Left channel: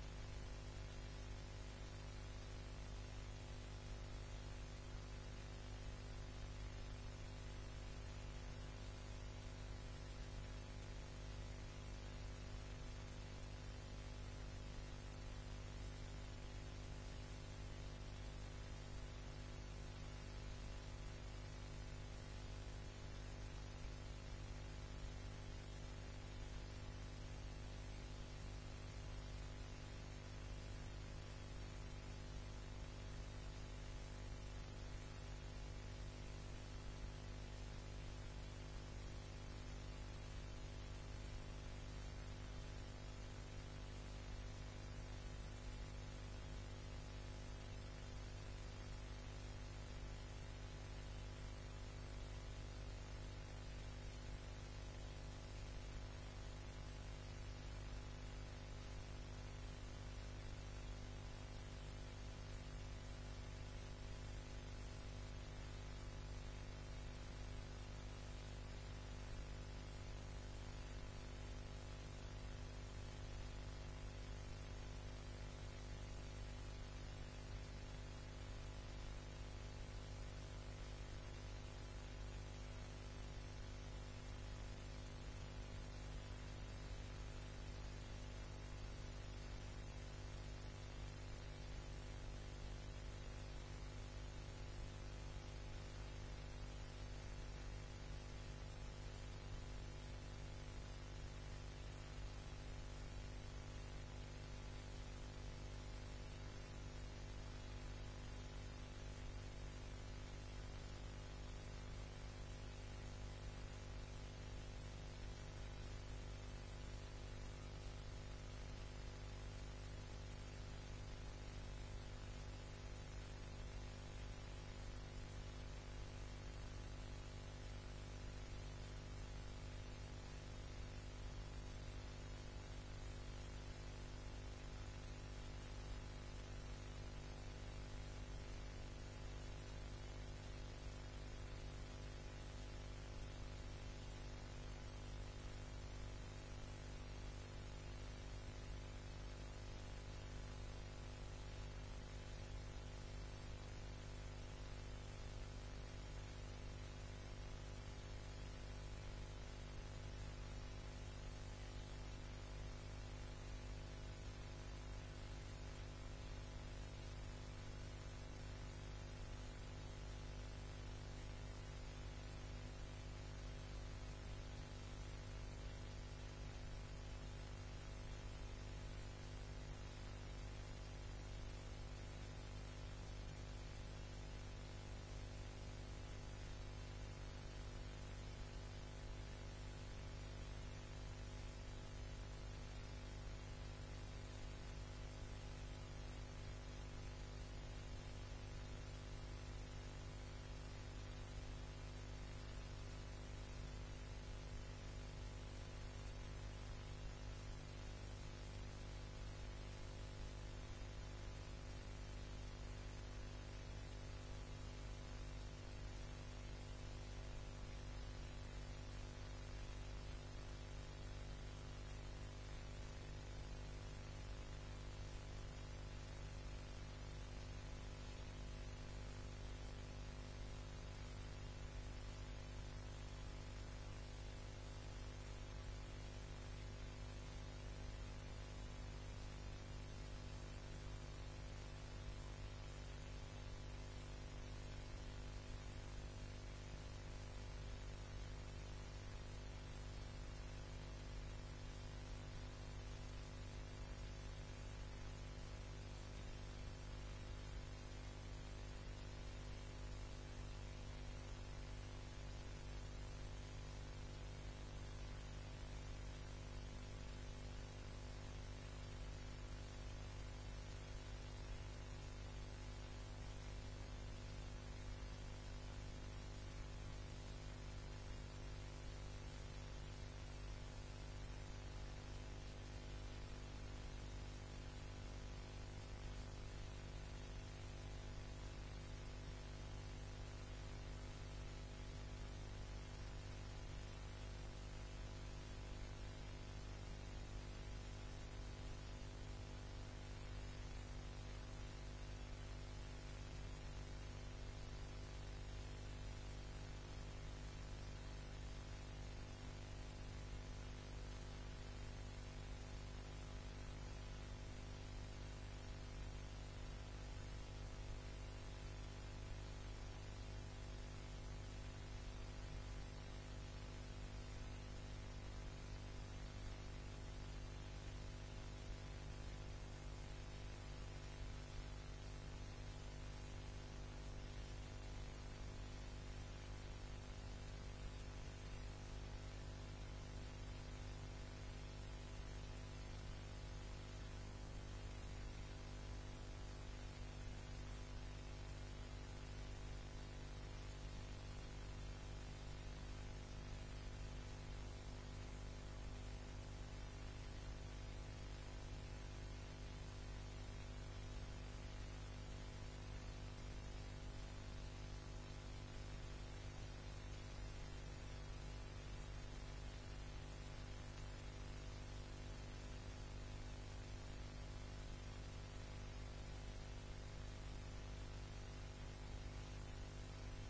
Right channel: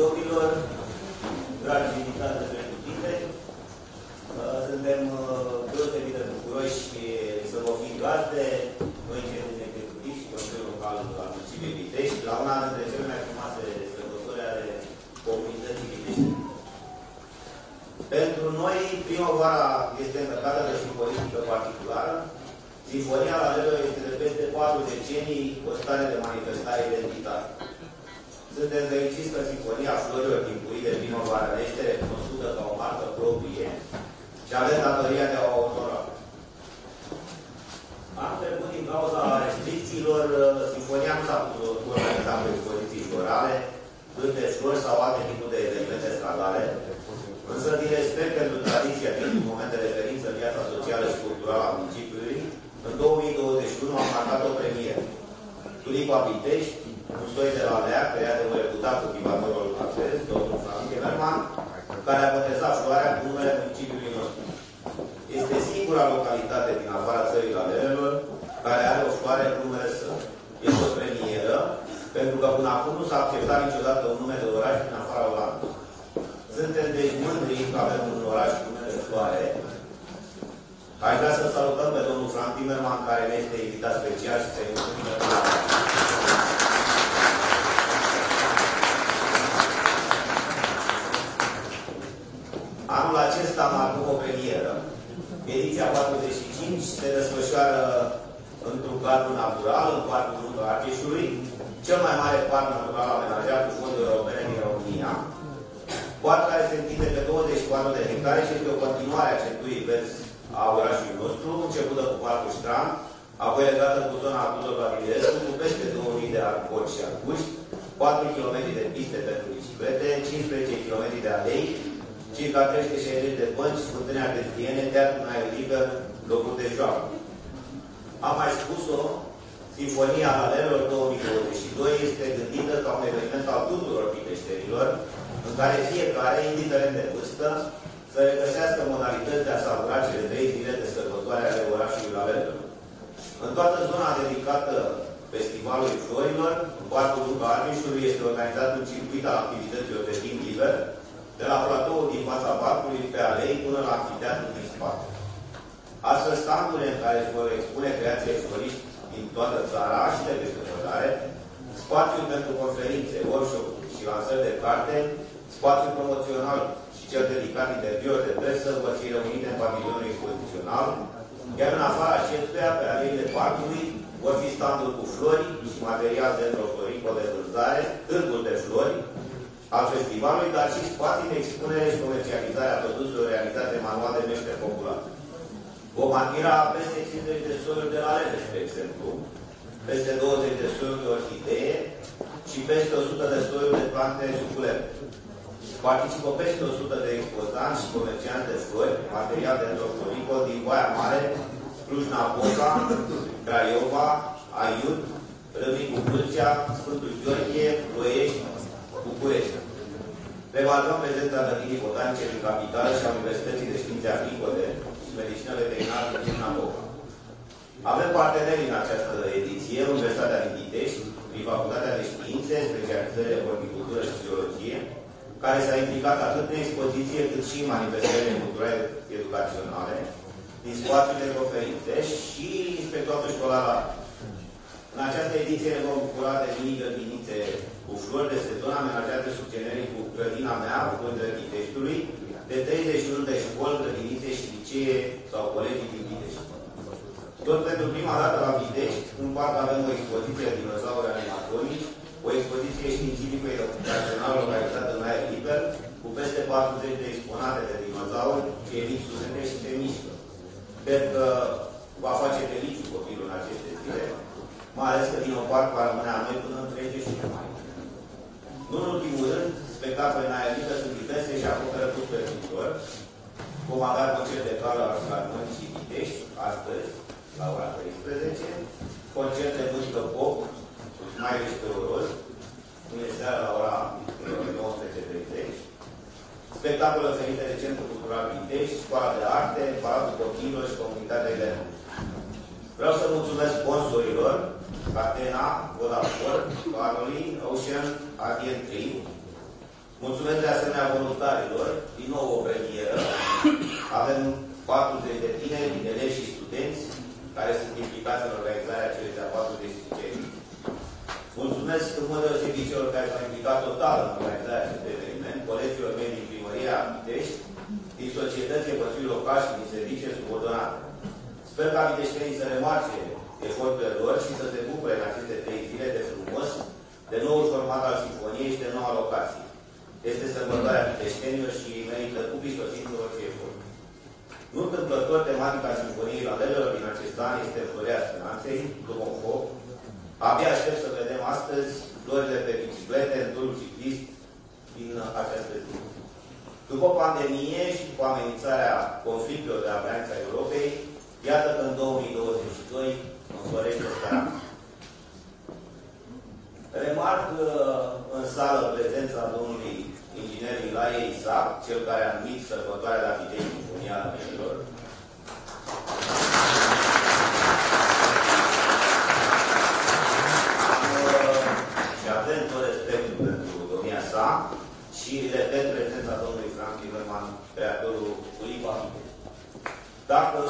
domnilor, dragi invitați de pretutinde, suntem deosebit de bucuroși să vă fim gazde, noi cei executivi și Consiliul Local al Municipiului Pitești, la una dintre cele mai frumoase sărbători ale comunității Pitești. Pentru noi, primăvara este încărcată de simbolistică particulară. Sinfonia la Leră este de peste 4 decenii o stare de manifestare identitară. Suntem fericiți că Sinfonia Florilor Timpurii de primăvară este recunoscută ca o marcă proprie și avem datoria de a o onora. Anul trecut, din cauza restricțiilor, Sinfonia nu s-a putut organiza cu expoziții florale, de flori sau alte tipuri de evenimente stradale, însă din respect pentru tradiția din moment de referință în viața socială și culturală a municipiului, în 2021 am marcat o premieră. Tulipa Pitești, un soi de la Lea, creat de un reputat cultivatorul francez, domnul Franz Timmerman, care a botezat floarea cu numele municipiului nostru. Este singura localitate din afara țării Lalelelor care are o floare cu numele său. Este o premieră, pentru că până acum nu s-a acceptat niciodată un nume de oraș din afara Olandei. Suntem deci mândri că avem un oraș cu nume de floare. Aș vrea să salutăm pe domnul Franz Timmerman, care ne este invitat special și să-i mulțumim pentru anul acesta am avut o premieră. Ediția 45 se desfășoară într-un cadru natural, în Parcul Munca Argeșului, cel mai mare parc natural amenajat cu fonduri europene din România. Parc care se întinde pe 24 de hectare și este o continuare a centurii verzi a orașului nostru, începută cu Parcul Strand, apoi legată cu zona Tudor Vladimirescu, cu peste 2000 de arboci și arbuști, 4 km de piste pentru biciclete, 15 km de alei, circa 360 de bănci, fântâni arteziene, teatru în aer liber, locuri de joacă. Am mai spus-o, Sinfonia Lalelelor 2022 este gândită ca un eveniment al tuturor piteștenilor, în care fiecare, indiferent de vârstă, să regăsească modalități de a savura cele 3 zile de sărbătoare ale orașului Lalelelor. În toată zona dedicată Festivalului Florilor, în Parcul Munca Argeșului, este organizat un circuit al activităților de timp liber, de la platoul din fața parcului, pe alei, până la amfiteatrul din spate. Astfel, standurile în care se vor expune creații floriști din toată țara și de peste hotare, spațiul pentru conferințe, workshop-uri și lansări de carte, spațiul promoțional și cel dedicat interviuri de presă vor fi reunite în pavilionul expozițional, iar în afara acestuia, pe aleile parcului, vor fi standuri cu flori și material de floricol de vânzare, târguri de flori al festivalului, dar și spații de expunere și comercializare a produselor realizate manual de meșteri popular. Vom admira peste 50 de soiuri de lalele, de exemplu, peste 20 de soiuri de orhidee și peste 100 de soiuri de plante suculente. Participă peste 100 de expozanți și comercianți de flori, material de floricol din Baia Mare, Cluj-Napoca, Craiova, Aiud, Râmnicu Vâlcea, Sfântul Gheorghe, Ploiești, București. Revalvăm prezența grădinii botanice din capitală și a Universității de Științe Agricole și Medicină Veterinară din Napoca. Avem parteneri în această ediție, Universitatea din Pitești, prin Facultatea de Științe, specializările în horticultură și biologie, care s-a implicat atât în expoziție cât și în manifestările culturale educaționale, din spațiul de conferințe și inspectoratul școlar. În această ediție ne vom bucura de mini grădinițe cu flori de sezon amenajate sub generii cu grădina mea, cu Pândră Piteștiului, de 31 de școli, grădinițe și licee sau colegii din Pitești. Tot pentru prima dată la Pitești, în parc avem o expoziție de dinozauri animatronici, o expoziție științifico-educațională localizată în aer liber, cu peste 40 de exponate de dinozauri ce emit sunete și se mișcă. Cred că va face fericit copilul în aceste zile, mai ales că Dinoparc va rămâne a noi până în 31 mai. Nu în ultimul rând, spectacole în aer liber sunt diverse și acoperă tot pe viitor. Vom avea concert de cală la Filarmonic și Pitești, astăzi, la ora 13, concert de muzică pop, mai restauros, mâine seara la ora 19:30, spectacole oferite de Centrul Cultural Pitești, Școala de Arte, Palatul Copiilor și Comunitatea Elena. Vreau să mulțumesc sponsorilor, Catena, Vodafone, Baroli, Ocean, Adient 3, Mulțumesc de asemenea voluntarilor, din nou o premieră. Avem 40 de tineri, elevi și studenți care sunt implicați în organizarea celei de-a 45. Mulțumesc în mod deosebit celor care s-au implicat total în organizarea acestui eveniment, colegilor mei din Primăria Pitești, din societăți, păsuri locali și din servicii subordonate. Sper ca piteștenii să remarce eforturile lor și să se bucure în aceste 3 zile de frumos, de noul format al sinfoniei și de noua locație. Este sărbătoarea piteștenilor și merită cu prisosință orice efort. Nu întâmplător, tematica sinfoniei lalelelor din acest an este Floarea Speranței, după un foc. Abia aștept să vedem astăzi florile pe biciclete, în turul ciclist din această zi. După pandemie și cu amenințarea conflictelor de apăranță a Europei, iată că în 2022 înflorește speranța. Remarc în sală prezența domnului inginer Ilaie Isaac, cel care a numit sărbătoarea la Pitești Sinfonia Lalelelor. Și avem tot respectul pentru domnia sa și repet prezența domnului Frank Timmerman, creatorul Ulipa. Dacă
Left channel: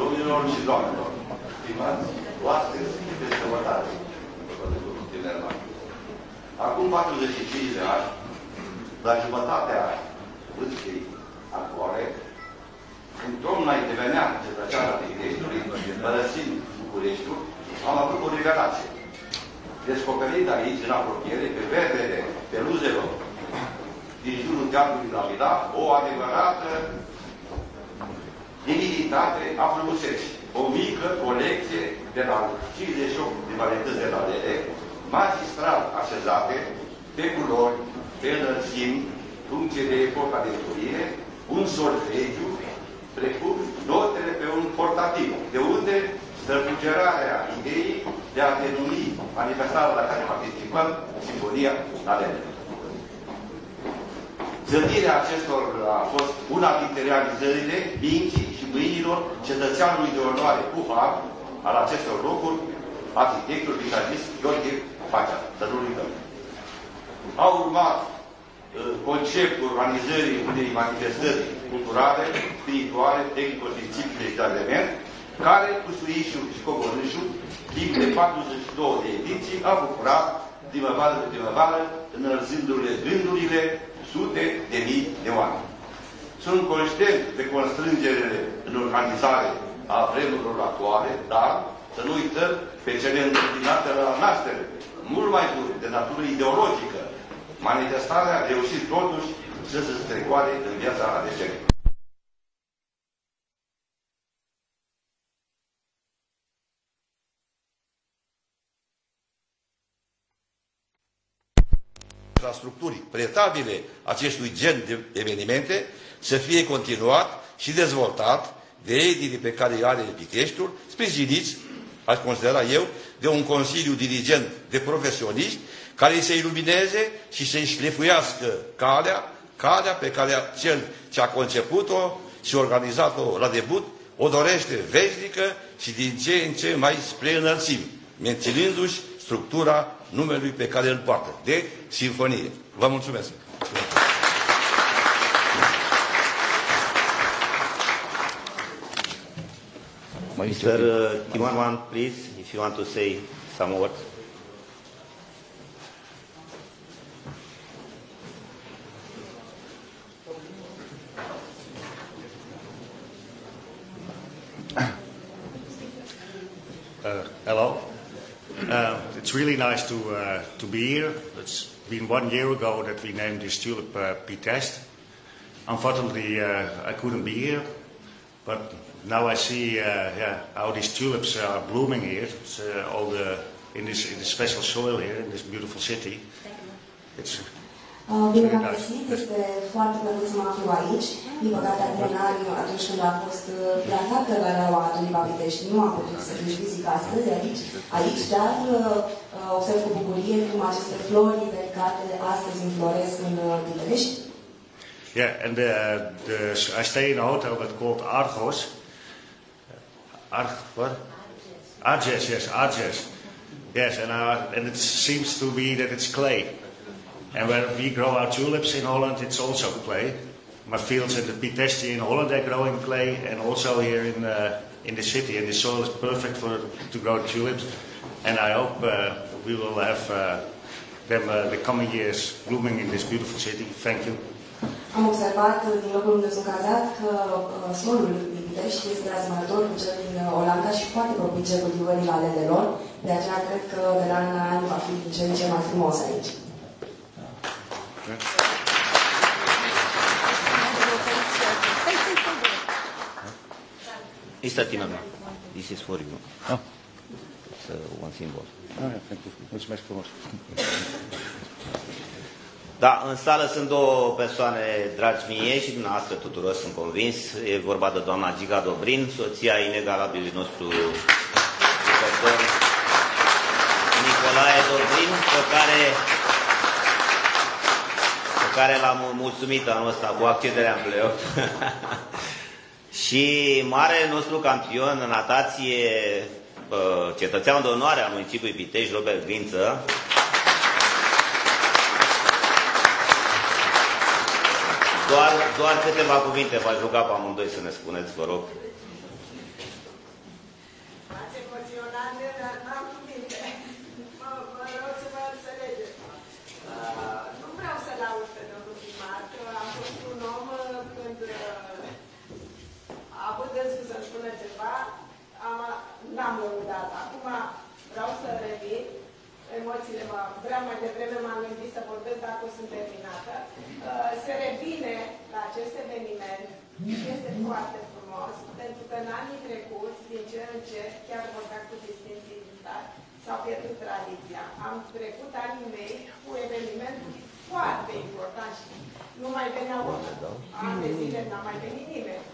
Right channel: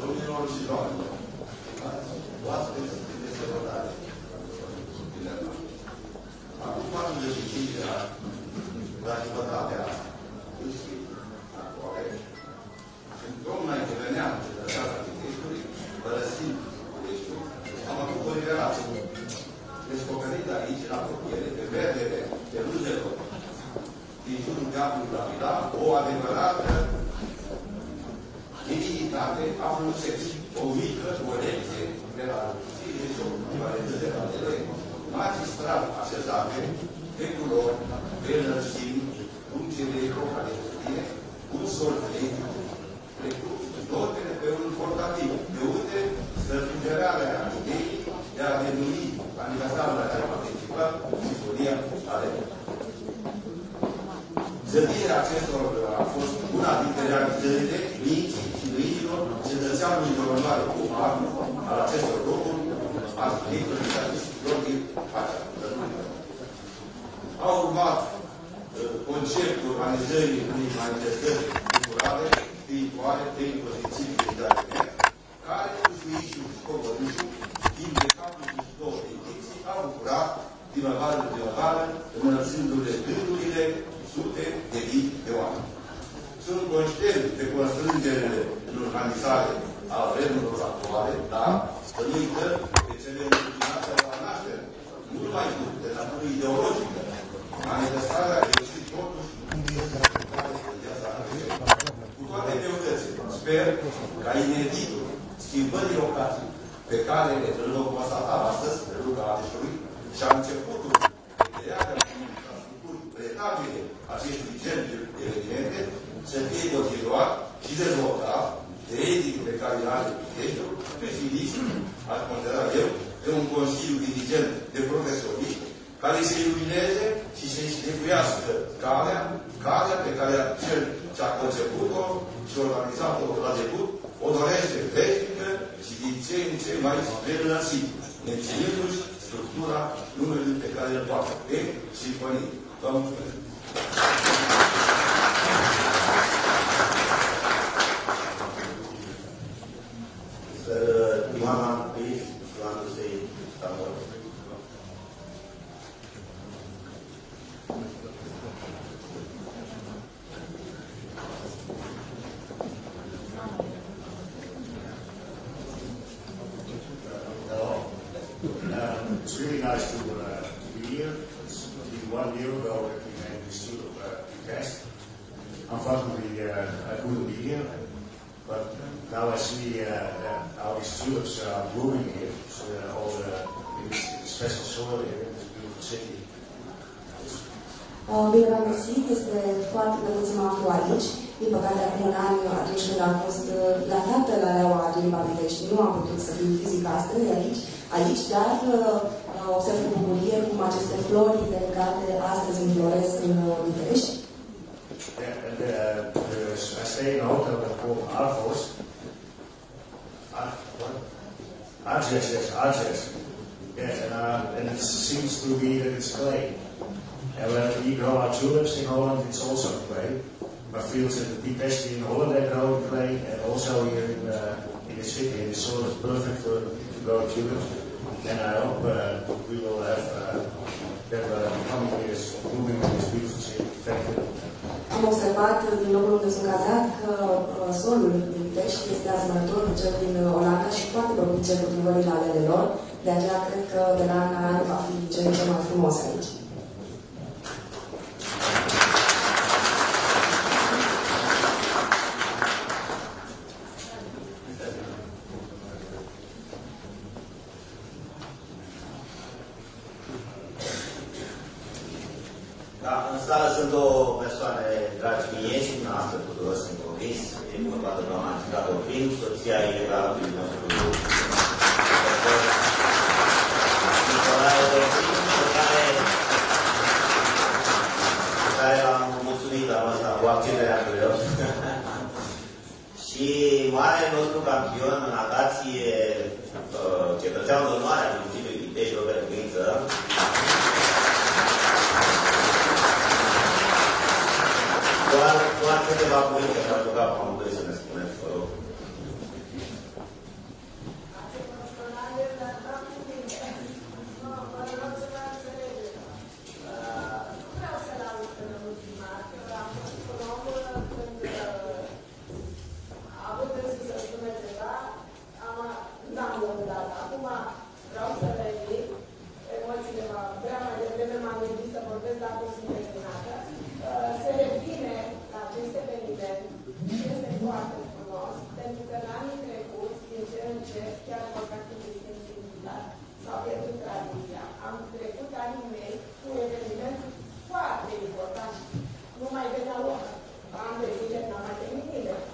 Domnilor și doamnelor, stimați oaspeți de sărbătoare, acum 45 de ani, la jumătatea vârstei actuale, în toamna intervenea cetățeana Piteștiului, părăsind Bucureștiul, am avut o revelație. Descoperind aici, în apropiere, pe verdele peluzelor din jurul teatrului la Milano, o adevărată divinitate a frumuseții. O mică colecție de la 58 de varietăți de lalele, magistral așezate, pe culori, pe înălțimi, funcție de epoca de Turine, un solfegiu, precum notele pe un portativ, de unde străfugerarea ideii de a denumi manifestarea la care participa Sinfonia Lalelelor. Zădirea acestor a fost una dintre realizările minții și mâinilor cetățeanului de onoare cu har al acestor locuri, arhitectul vitalist Gheorghe Pacea, să nu uităm. Au urmat conceptul realizării unei manifestări culturale, spirituale, tehnico-științifice și de element, care, cu Suișul și Coborâșul, timp de 42 de ediții, a bucurat primăvară cu primăvară, înălțându-le gândurile sute de mii de oameni. Sunt conștient de constrângerile în organizare a vremurilor actuale, dar să nu uităm pe cele întâmpinate la naștere, mult mai mult de natură ideologică. Manifestarea a reușit totuși să se strecoare în viața alegere. Cu toate greutățile, sper ca ineditul schimbării ocazii pe care îl vom constata astăzi, pe Luca Adeșului, și a începutul infrastructurii pretabile acestui gen de evenimente să fie continuat și dezvoltat de edii pe care îi are Piteștiul, sprijiniți, aș considera eu, de un consiliu dirigent de profesioniști care să ilumineze și să-i șlefuiască calea pe care cel ce a conceput-o și organizat-o la debut o dorește veșnică și din ce în ce mai spre înălțimi, menținându-și structura numelui pe care îl poartă, de Sinfonie. Vă mulțumesc! Mr. Timmerman, please, if you want to say some words. Hello. It's really nice to be here. It's been 1 year ago that we named this tulip Pitești. Unfortunately, I couldn't be here, but now I see how these tulips are blooming here. It's, in this special soil here, in this beautiful city. Bine v-am găsit, este foarte plăcut să mă aflu aici. Din păcate, acum un an, atunci când am fost plasată la Leaua Tulipa Pitești, nu am putut să fiu fizic astăzi aici, dar observ cu bucurie cum aceste flori delicate astăzi înfloresc în Pitești. Yeah, and I stay in a hotel that's called Argos. What? Arges, yes, Arges. Yes, and it seems to be that it's clay. And when we grow our tulips in Holland, it's also clay. My fields in the Pitești in Holland, they're growing clay, and also here in the city, and the soil is perfect to grow tulips. And I hope we will have them the coming years blooming in this beautiful city. Thank you. Am observat din locul unde sunt cazat că solul din Pitești este asemănător cu cel din Olanda și foarte propice cultivării aledelor. De aceea cred că de la an la an va fi cel mai frumos aici. Mr. Timmerman, this is for you. Oh. So, one thing was. Mulțumesc frumos. Da, în sală sunt două persoane dragi mie și dumneavoastră tuturor, sunt convins. E vorba de doamna Giga Dobrin, soția inegalabilului nostru Nicolae Dobrin, pe care l-am mulțumit anul ăsta cu accederea în play-off. Și marele nostru campion în natație, cetățean de onoare al municipiului Pitești, Robert Grință. Doar câteva cuvinte v-aș ruga pe amândoi să ne spuneți, vă rog. Ați emoționat, dar n-am cuvinte. Vă rog să vă înțelegeți. Nu vreau să laud pe domnul primar, că a fost un om când a avut dânsul să spună ceva, n-am lăudat. Acum vreau să revin. Emoțiile vreau mai devreme m-am gândit să vorbesc dacă o sunt terminată. Se revine la acest eveniment și este foarte frumos, pentru că în anii trecuți, din ce în ce, chiar contactul distinții militar, s-a pierdut tradiția. Am trecut anii mei cu evenimente foarte importante. Nu mai veneau ani de zile, n-a mai venit nimeni.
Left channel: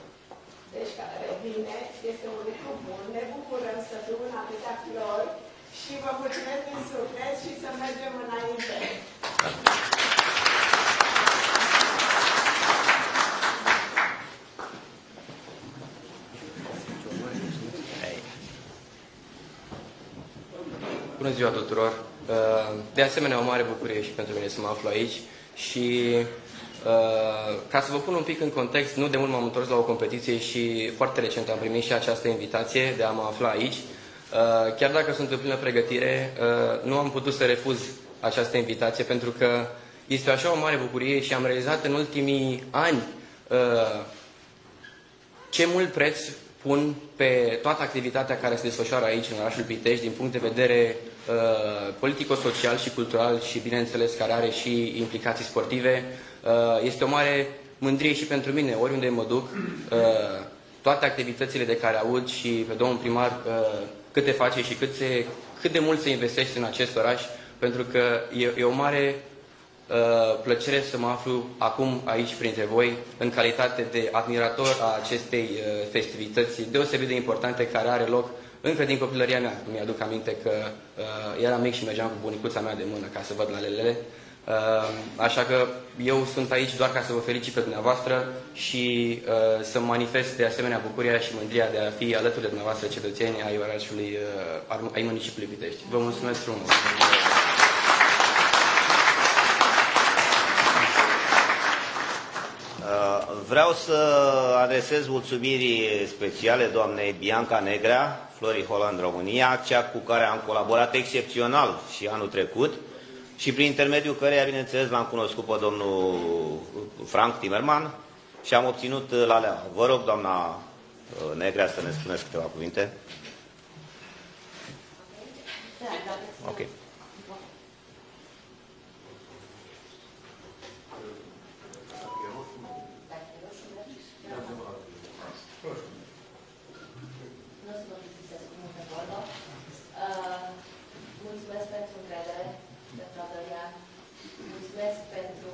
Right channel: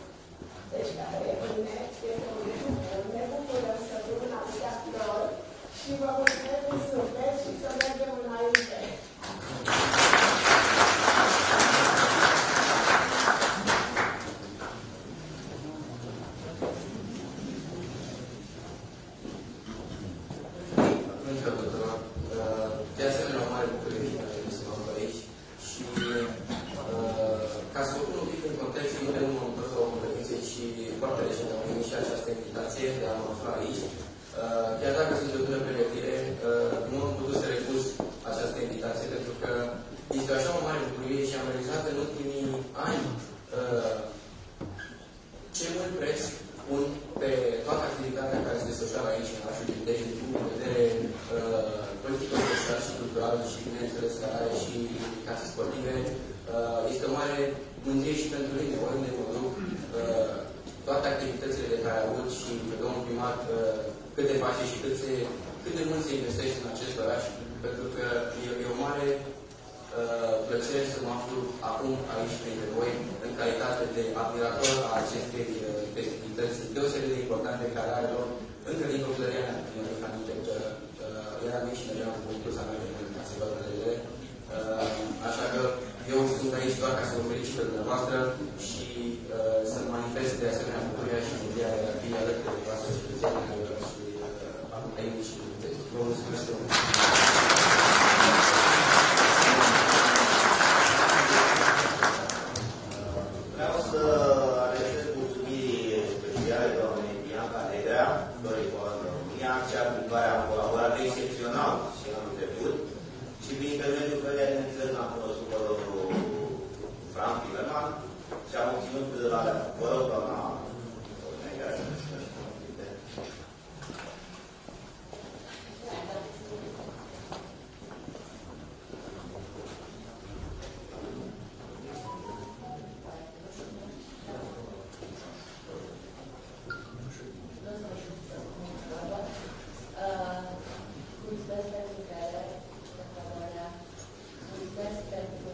Deci, care revine, este un lucru bun. Ne bucurăm să fiu în atâtea flori și vă mulțumesc din suflet și să mergem înainte. Bună ziua tuturor! De asemenea, o mare bucurie și pentru mine să mă aflu aici și ca să vă pun un pic în context, nu de mult m-am întors la o competiție și foarte recent am primit și această invitație de a mă afla aici. Chiar dacă sunt în plină pregătire, nu am putut să refuz această invitație pentru că este așa o mare bucurie și am realizat în ultimii ani ce mult preț pun pe toată activitatea care se desfășoară aici în orașul Pitești din punct de vedere politico-social și cultural și, bineînțeles, care are și implicații sportive. Este o mare mândrie și pentru mine, oriunde mă duc, toate activitățile de care aud și pe domnul primar cât de face și cât de mult se investește în acest oraș, pentru că e o mare plăcere să mă aflu acum aici printre voi în calitate de admirator a acestei festivități deosebit de importante care are loc încă din copilăria mea. Mi-aduc aminte că eram mic și mergeam cu bunicuța mea de mână ca să văd la lelele. Așa că eu sunt aici doar ca să vă felicit pe dumneavoastră și să manifest de asemenea bucuria și mândria de a fi alături de dumneavoastră cetățeni ai orașului, ai municipiului Pitești. Vă mulțumesc frumos! Vreau să adresez mulțumiri speciale doamnei Bianca Negrea, Flori Holland România, cea cu care am colaborat excepțional și anul trecut și prin intermediul căreia, bineînțeles, l-am cunoscut pe domnul Frank Timmerman și am obținut la Leaua. Vă rog, doamna Negrea, să ne spuneți câteva cuvinte. Ok. Mulțumesc pentru încredere, mulțumesc pentru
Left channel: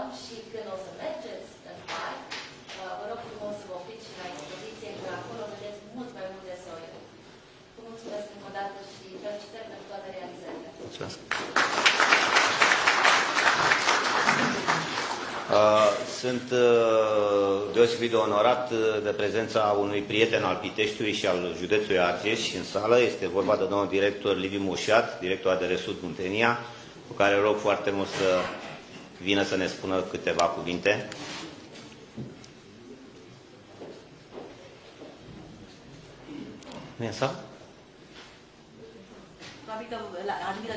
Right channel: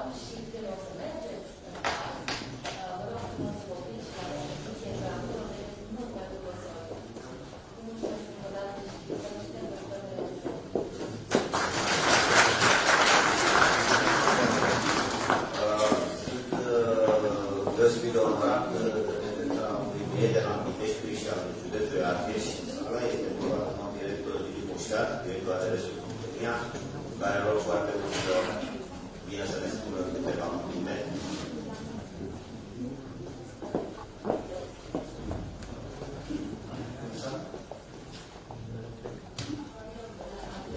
întrebăm și când o să mergeți în parc, vă rog frumos să vă opriți și la expoziție, că acolo vedeți mult mai multe zone. Mulțumesc încă o dată și felicitări pentru toate realizările. Sunt deosebit de onorat de prezența unui prieten al Piteștiului și al județului Argeș în sală. Este vorba de domnul director Liviu Mușat, director ADR Sud Muntenia, cu care rog foarte mult să vină să ne spună câteva cuvinte. Nu e în sală?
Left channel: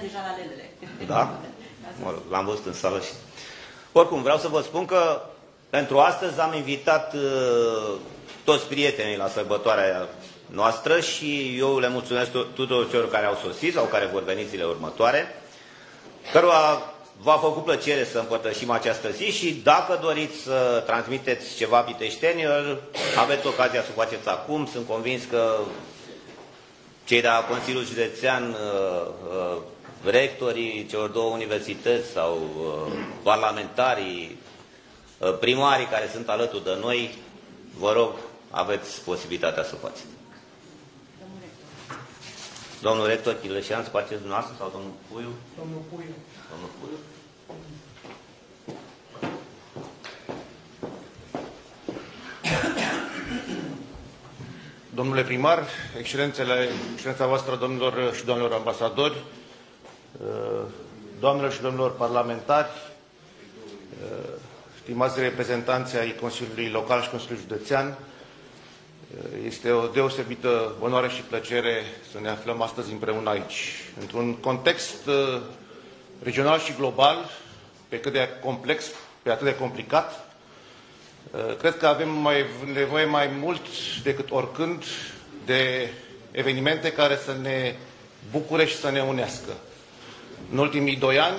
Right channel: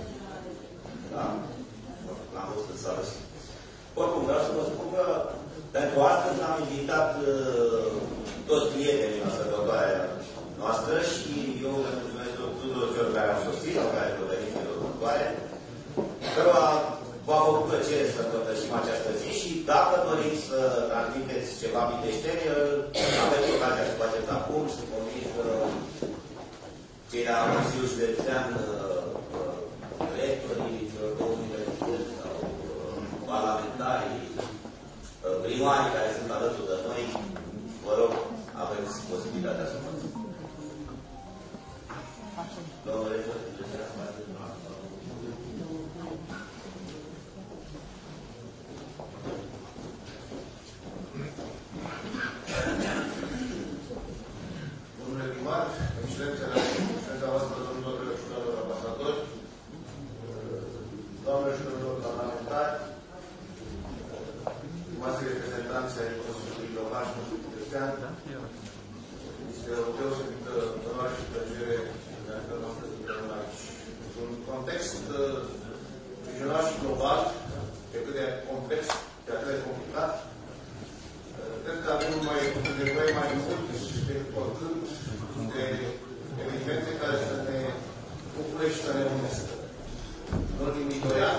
Deja la ledere. Da? L-am văzut în sală și... Oricum, vreau să vă spun că pentru astăzi am invitat toți prietenii la sărbătoarea noastră și eu le mulțumesc tuturor celor care au sosit sau care vor veni zilele următoare, cărora v-a făcut plăcere să împărtășim această zi și dacă doriți să transmiteți ceva piteștenilor, aveți ocazia să o faceți acum. Sunt convins că cei de la Consiliul Județean, rectorii celor două universități sau parlamentarii, primarii care sunt alături de noi, vă rog, aveți posibilitatea să o faceți. Domnul rector Chileșean, faceți dumneavoastră sau domnul Puiu? Domnul Puiu. Domnule primar, excelența voastră, domnilor și domnilor ambasadori, doamnelor și domnilor parlamentari, stimați reprezentanți ai Consiliului Local și Consiliului Județean, este o deosebită onoare și plăcere să ne aflăm astăzi împreună aici. Într-un context regional și global, pe cât de complex, pe atât de complicat, cred că avem nevoie mai mult decât oricând de evenimente care să ne bucure și să ne unească. În ultimii 2 ani,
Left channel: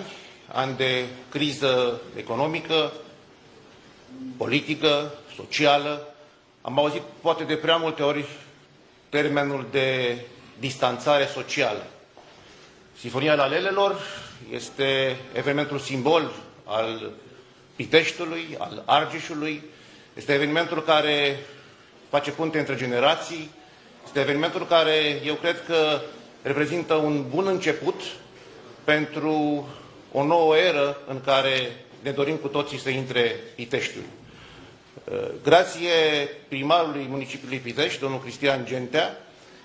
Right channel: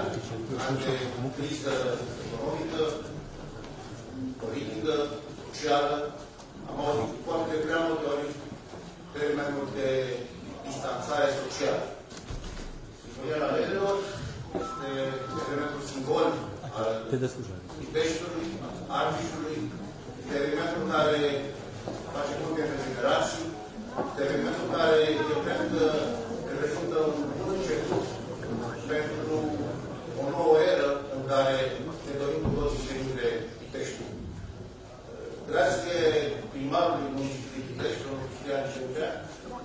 ani de criză economică, politică, socială, am auzit poate de prea multe ori termenul de distanțare socială. Sinfonia Lalelelor este evenimentul simbol al Piteștiului, al Argeșului, este evenimentul care face punte între generații, este evenimentul care eu cred că reprezintă un bun început pentru o nouă eră în care ne dorim cu toții să intre Piteștiul. Grație primarului municipiului Pitești, domnul Cristian Gentea,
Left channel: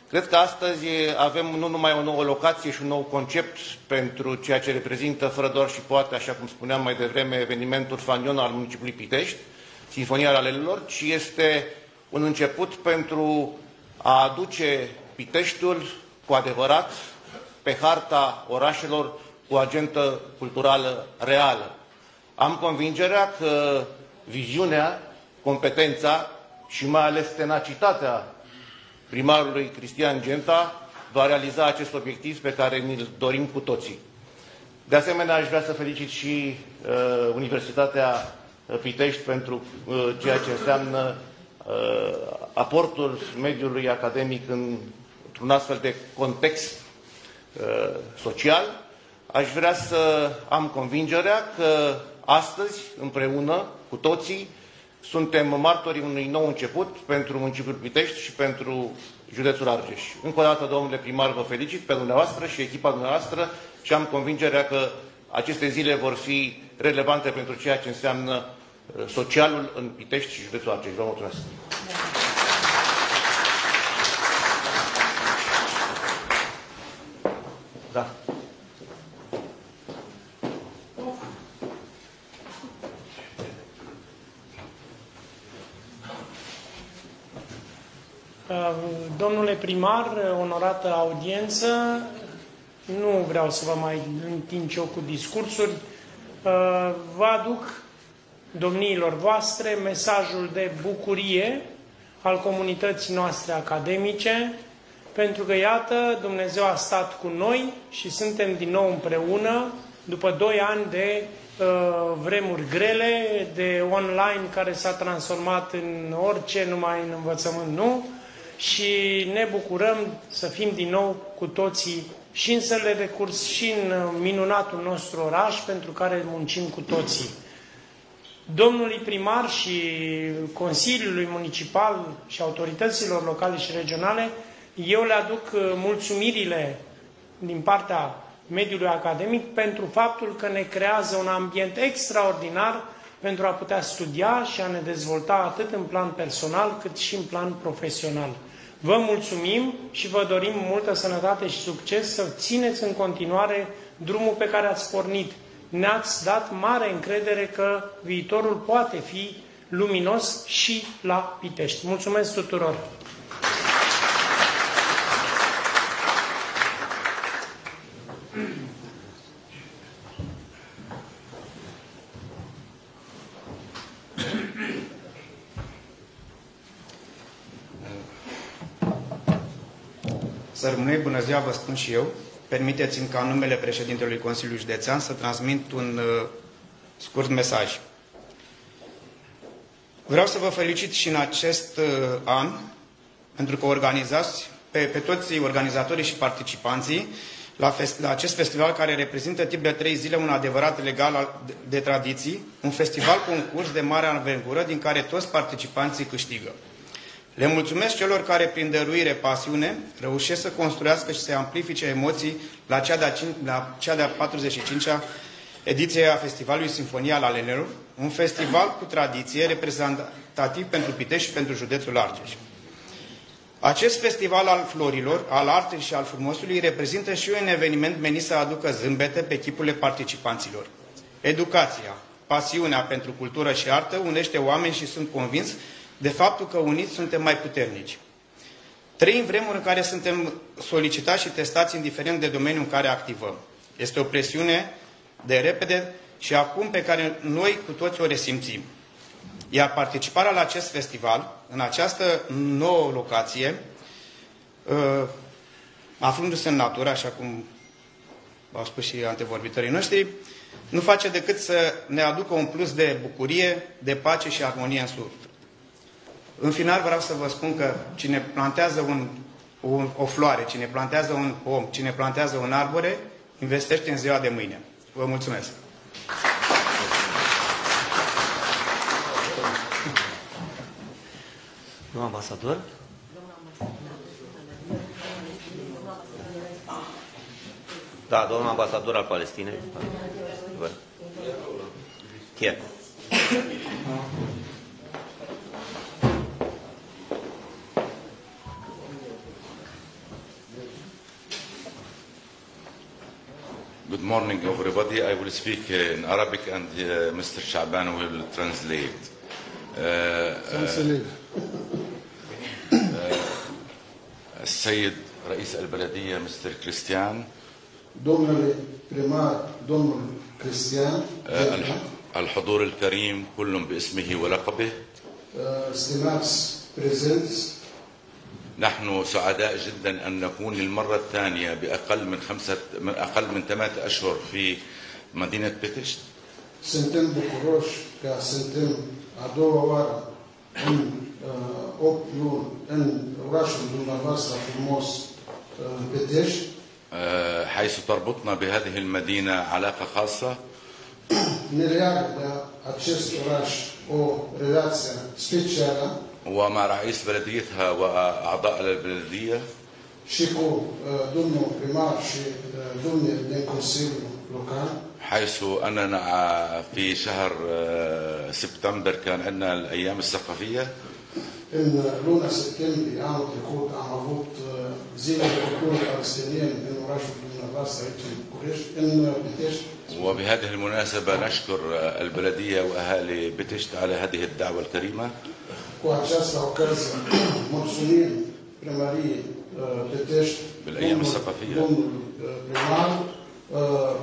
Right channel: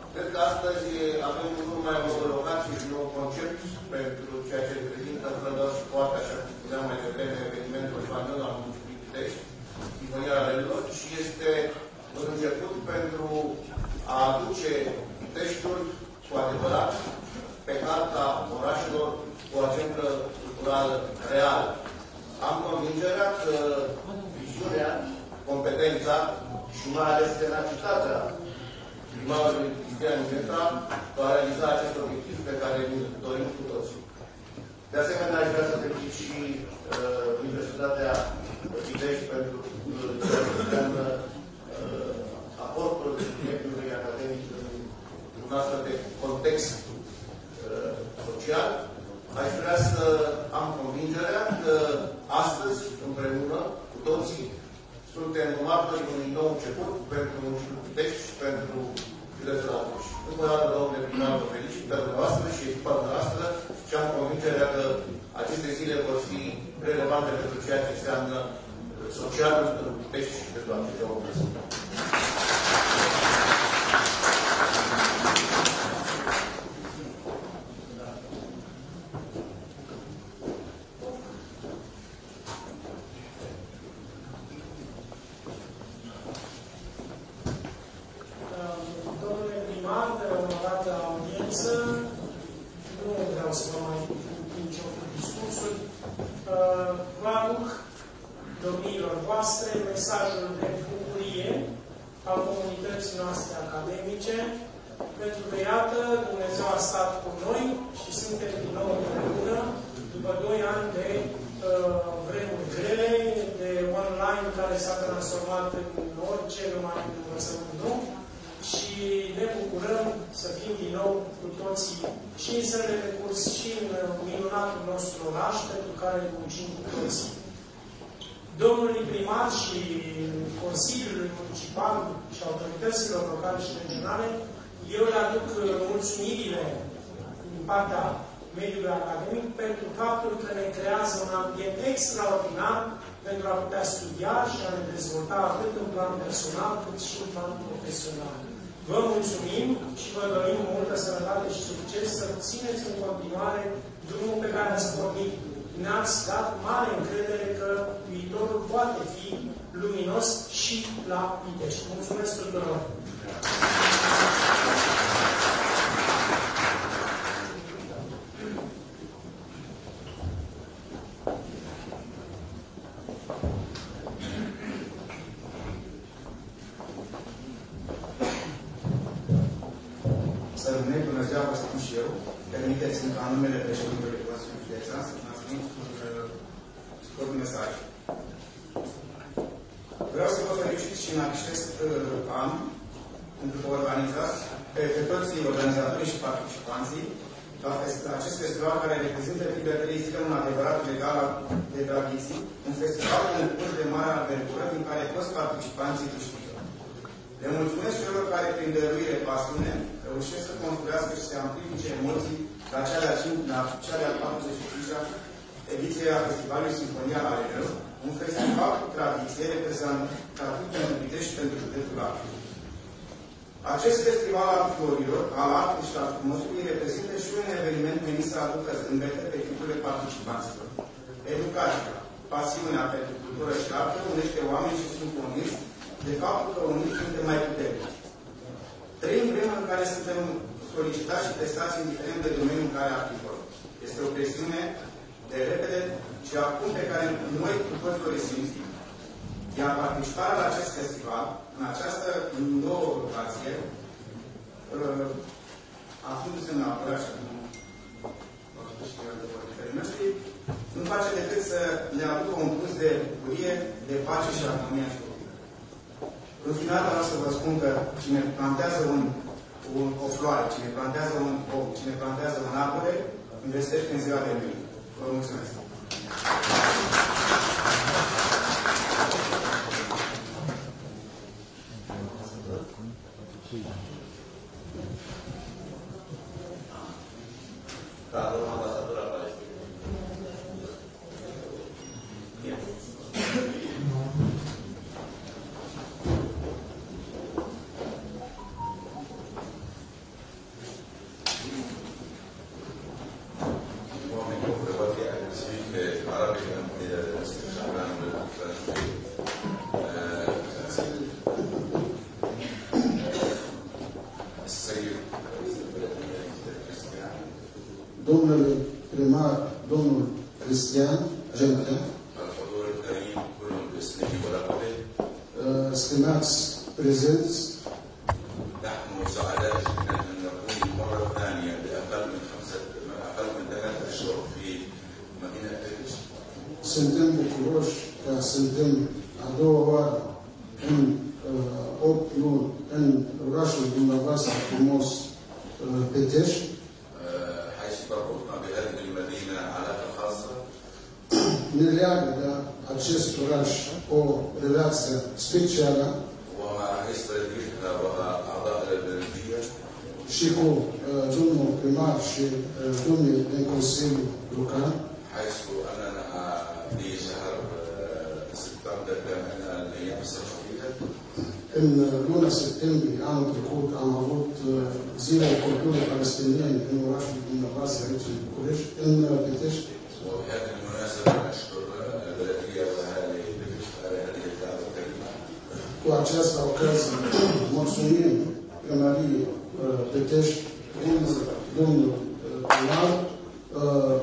cred că astăzi avem nu numai o nouă locație și un nou concept pentru ceea ce reprezintă, fără doar și poate, așa cum spuneam mai devreme, evenimentul fanion al municipiului Pitești, Sinfonia Lalelelor, ci este un început pentru a aduce Piteștiul cu adevărat pe harta orașelor cu agentă culturală reală. Am convingerea că viziunea, competența și mai ales tenacitatea primarului Cristian Genta va realiza acest obiectiv pe care ni-l dorim cu toții. De asemenea, aș vrea să felicit și Universitatea Pitești pentru ceea ce înseamnă aportul mediului academic într-un astfel de context social. Aș vrea să am convingerea că astăzi, împreună cu toții, suntem martorii unui nou început pentru municipiul Pitești și pentru județul Argeș. Încă o dată, domnule primar, vă felicit pe dumneavoastră și echipa dumneavoastră și am convingerea că aceste zile vor fi relevante pentru ceea ce înseamnă socialul în Pitești și județul Argeș. Vă mulțumesc! Da. Domnule primar, onorată audiență, nu vreau să vă mai întind eu cu discursuri. Vă aduc domniilor voastre mesajul de bucurie al comunității noastre academice, pentru că, iată, Dumnezeu a stat cu noi și suntem din nou împreună, după 2 ani de vremuri grele, de online care s-a transformat în orice, numai în învățământ nu, și ne bucurăm să fim din nou cu toții și în sălile de curs și în minunatul nostru oraș, pentru care muncim cu toții. domnului primar și Consiliului Municipal și autorităților locale și regionale, eu le aduc mulțumirile din partea mediului academic pentru faptul că ne creează un ambient extraordinar pentru a putea studia și a ne dezvolta atât în plan personal cât și în plan profesional. Vă mulțumim și vă dorim multă sănătate și succes să țineți în continuare drumul pe care ați pornit. Ne-ați dat mare încredere că viitorul poate fi luminos și la Pitești. Mulțumesc tuturor! Să rămâne, bună ziua, vă spun și eu. Permiteți-mi ca în numele președintelui Consiliului Județean să transmit un scurt mesaj. Vreau să vă felicit și în acest an, pentru că organizați pe toți organizatorii și participanții la acest festival care reprezintă timp de 3 zile un adevărat legal de tradiții, un festival concurs de mare aventură din care toți participanții câștigă. Le mulțumesc celor care, prin dăruire, pasiune, reușesc să construiască și să amplifice emoții la cea de-a 45-a ediție a Festivalului Sinfonia Lalelelor, un festival cu tradiție reprezentativ pentru Pitești și pentru județul Argeș. Acest festival al florilor, al artei și al frumosului reprezintă și un eveniment menit să aducă zâmbete pe chipurile participanților. Educația, pasiunea pentru cultură și artă unește oameni și sunt convins de faptul că uniți suntem mai puternici. Trăim vremuri în care suntem solicitați și testați indiferent de domeniul în care activăm. Este o presiune de repede și acum pe care noi cu toți o resimțim. Iar participarea la acest festival, în această nouă locație, aflându-se în natură, așa cum au spus și antevorbitorii noștri, nu face decât să ne aducă un plus de bucurie, de pace și armonie în suflet. În final vreau să vă spun că cine plantează o floare, cine plantează un om, cine plantează un arbore, investește în ziua de mâine. Vă mulțumesc! Domnul ambasador? Da, domnul ambasador al Palestinei. Here. Good morning, everybody. I will speak in Arabic and Mr. Shaban will translate. السيد رئيس البلدية مستر كريستيان. domnule primar, domnul Cristian. الحضور الكريم كل باسمه ولقبه. stimați prezenți. نحن سعداء جدا أن نكون المرة الثانية بأقل من 8 أشهر في مدينة بيتشت. Suntem bucuroși că suntem a doua oară în 8 luni în orașul dumneavoastră frumos Pitești. حيث تربطنا بهذه المدينة علاقة خاصة. Ne leagă de acest oraș o relație specială. ومع رئيس بلديتها وأعضاء البلدية. Și cu domnul primar și domnul din Consiliul Local. حيث أننا في شهر سبتمبر كان عندنا الأيام الثقافية. În luna septembrie anul trecut am avut zilele culturii palestiniene în orașul dumneavoastră aici în București, în Pitești. وبهذه المناسبة نشكر البلدية وأهالي بيتشت على هذه الدعوة الكريمة. Cu această ocazie mulțumim primăriei Pitești, domnul primar,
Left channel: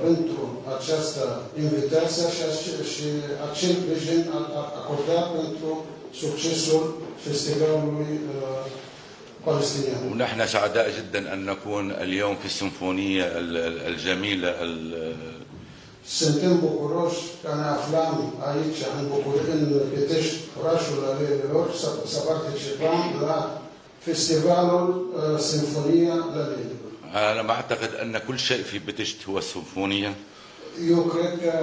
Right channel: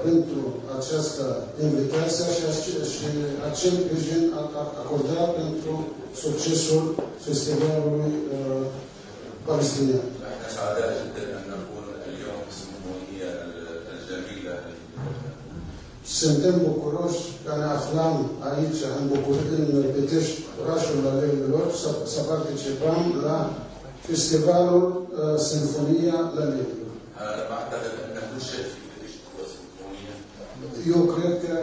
pentru această invitație și acel sprijin acordat pentru succesul festivalului palestinian. ونحن سعداء جدا أن نكون اليوم في السيمفونية الجميلة. Suntem bucuroși că ne aflăm aici, în Pitești, orașul Lalelelor, să participăm la festivalul Sinfonia Lalelelor. أنا ما أعتقد أن كل شيء في بيتشت هو السيمفونية. Eu cred că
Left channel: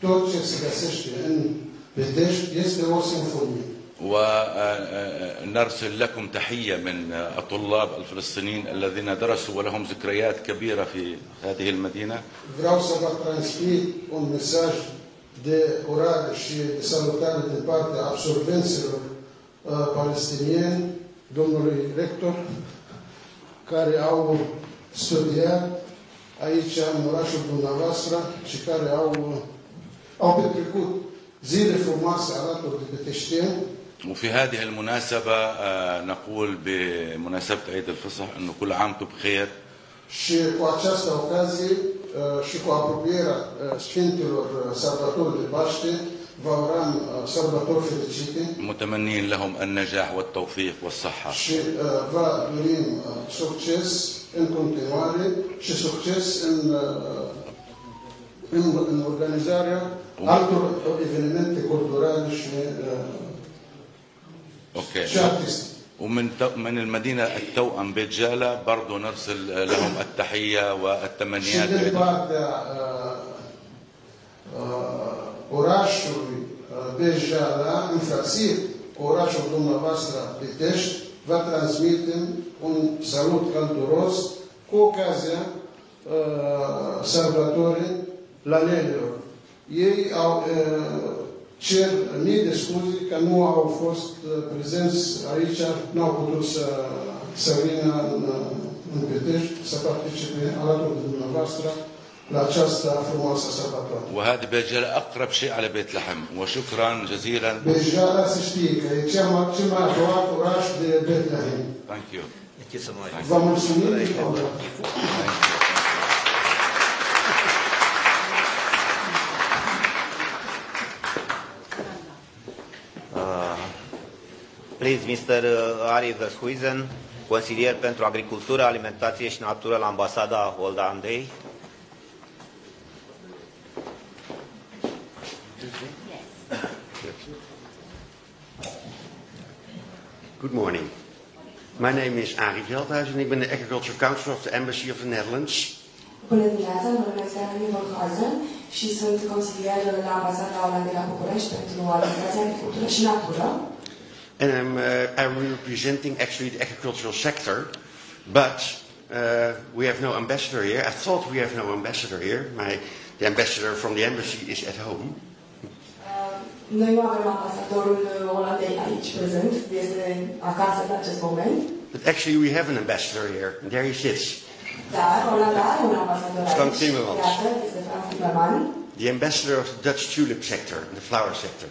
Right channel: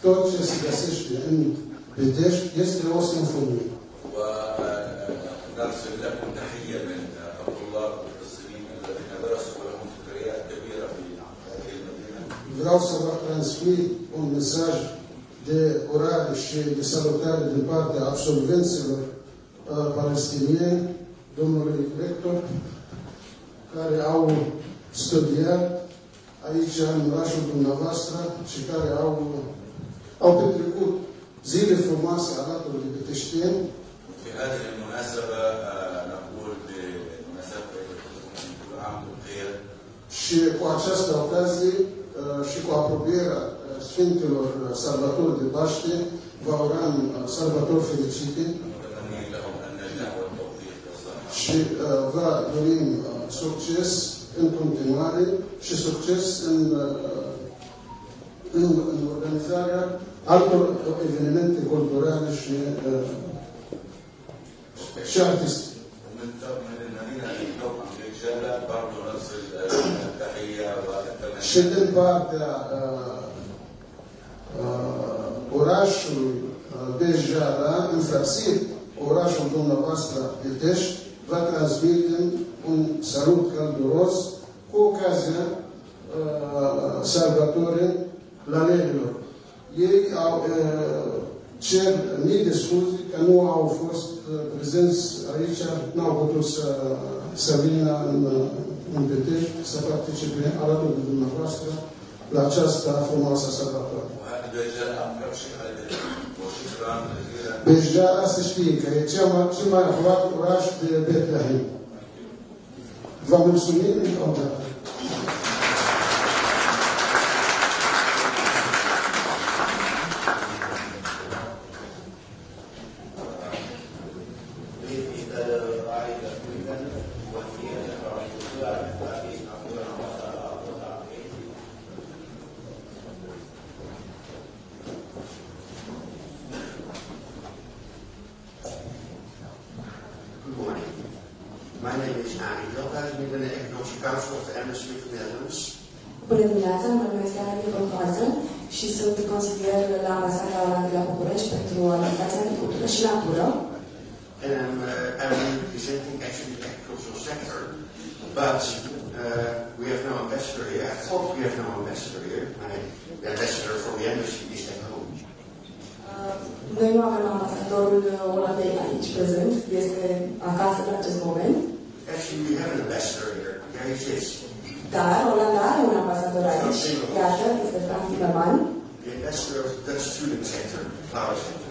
tot ce se găsește în Pitești este o sinfonie. ونرسل لكم تحية من الطلاب الفلسطينيين الذين درسوا ولهم ذكريات كبيرة في هذه المدينة. Vreau să vă transmit un mesaj de urare și de salutare din partea absolvenților palestinieni, domnului rector, care au studiat aici în orașul dumneavoastră și care au petrecut zile frumoase alături de piteșteni. وفي هذه المناسبة نقول بمناسبة عيد الفصح أنه كل عامكم بخير. Și cu această ocazie și cu apropierea Sfintelor Sărbători de Paște, vă urăm sărbători fericite. متمنين لهم النجاح والتوفيق والصحة. Și vă dorim succes în continuare și succes în organizarea altor evenimente culturale și artistice. ومن المدينة التوأم بيت جالة برضو نرسل لهم التحية والتمنيات. Și din partea orașului Beit Jala, înfrățit orașul dumneavoastră Pitești, vă transmitem un salut călduros cu ocazia sărbătorii Lalelilor. Ei au cer mii de scuze că nu au fost prezenți aici, nu au putut să vină în Pitești, să participe alături de dumneavoastră la această frumoasă sărbătoare. وهذا بيت جالة أقرب شيء على بيت لحم وشكرا جزيلا. Beit Jala se știe că e cel mai aproape oraș de Betlehem. Thank you. Vă mulțumim. Please, Mr. Ari Vershuizen, consilier pentru agricultură, alimentație și natură la Ambasada Olandei. Good morning. My name is Arie Veldhuis en ik ben de Agriculture Council of the Embassy of the Netherlands. Bună dimineața, mă numesc Arie Veldhuis și sunt consilier la Ambasada Olandei la București pentru alimentație, agricultură și natură. And I'm representing actually the agricultural sector, but we have no ambassador here. I thought we have no ambassador here. The ambassador from the embassy is at home. Noi nu avem ambasadorul Olandei aici prezent, este acasă în acest moment. But actually we have an ambassador here. There he sits. Dar Olanda are un ambasador aici. Iată, este Frans Timmermans. The ambassador of the Dutch tulip sector, the flower sector.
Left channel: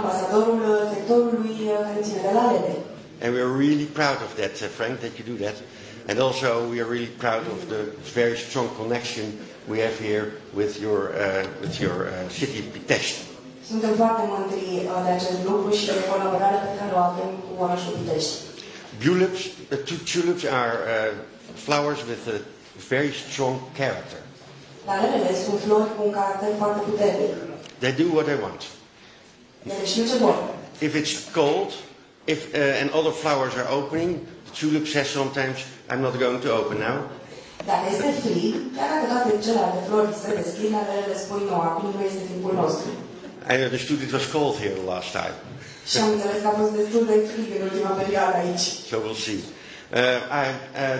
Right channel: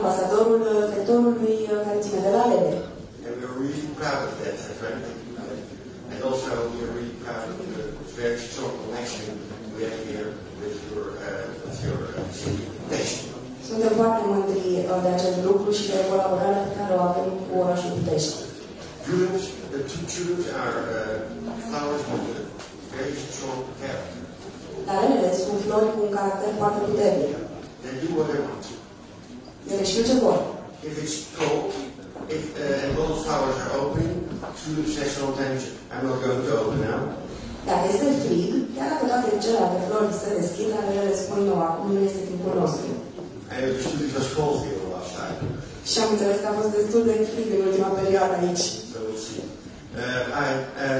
Ambasadorul sectorului care ține de lalele. And we are really proud of that, Frank, that you do that. And also we are really proud of the very strong connection we have here with your city, Pitești. Suntem foarte mândri de acest lucru și de colaborarea pe care o avem cu orașul Pitești. Tulips are flowers with a very strong character. Lalelele sunt flori cu un caracter foarte puternic. They do what they want. Ele știu ce vor. If it's cold, and other flowers are opening, tulip says sometimes, "I'm not going to open now." Dacă este frig, chiar dacă toate celelalte flori se deschid, lalelele spun nu, acum nu este timpul nostru. I understood it was cold here the last time. Și am înțeles că a fost destul de frig în ultima perioadă aici. So we'll see.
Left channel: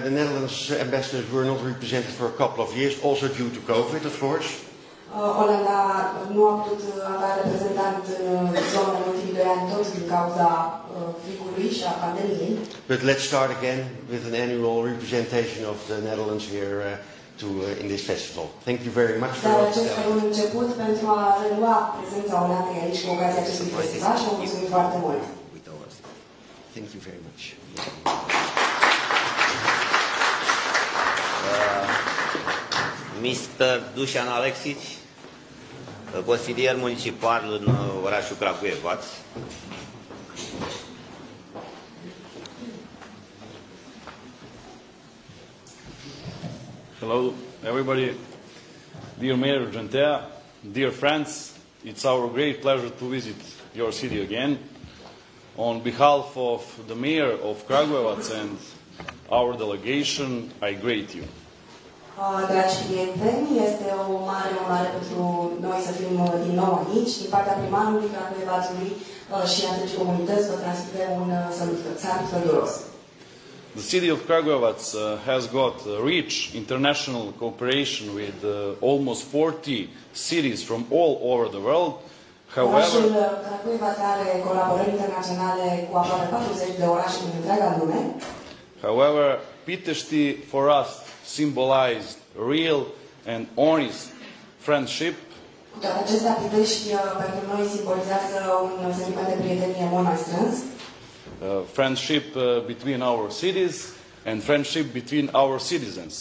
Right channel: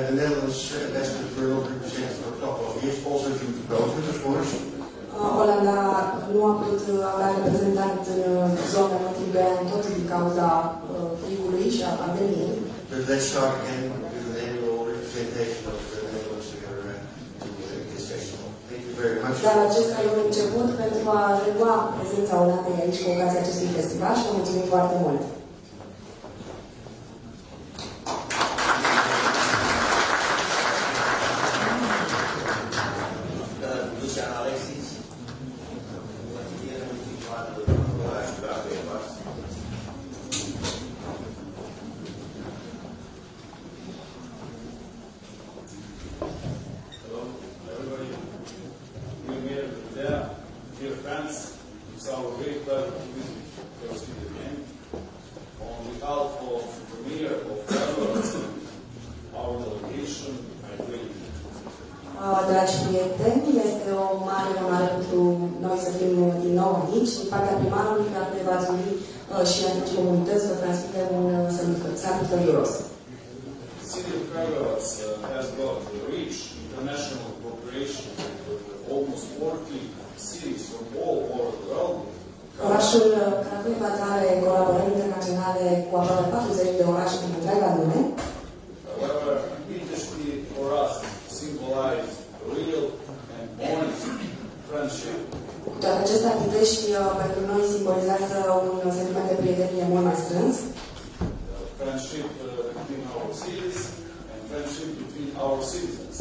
The Netherlands ambassadors were not represented for a couple of years, also due to COVID, of course. Olanda nu a putut avea reprezentant în zona în ultimii 2 ani, tot din cauza frigului și a pandemiei. But let's start again with an annual representation of the Netherlands here in this festival. Thank you very much. Dar acesta e un început pentru a relua prezența Olandei aici cu ocazia acestui festival și vă mulțumim foarte mult. Thank you very much. Mr. Dușan Alexic, consilier municipal în orașul Kragujevac. Hello, everybody. Dear Mayor Gentea, dear friends, it's our great pleasure to visit your city again. On behalf of the Mayor of Kragujevac and our delegation, I greet you. Dragi prieteni, este o mare onoare pentru noi să fim din nou aici. Din partea primarului Craiovei Varzului și a întregii comunități vă transmitem un salut călduros. The city of Kragujevac has got rich international cooperation with almost 40 cities from all over the world. Orașul Craiovei are colaborări internaționale cu aproape 40 de orașe din întreaga lume. However, Pitești for us symbolized real and honest friendship. Cu toate acestea, Pitești pentru noi simbolizează un sentiment de prietenie mult mai strâns. Friendship between our cities and friendship between our citizens.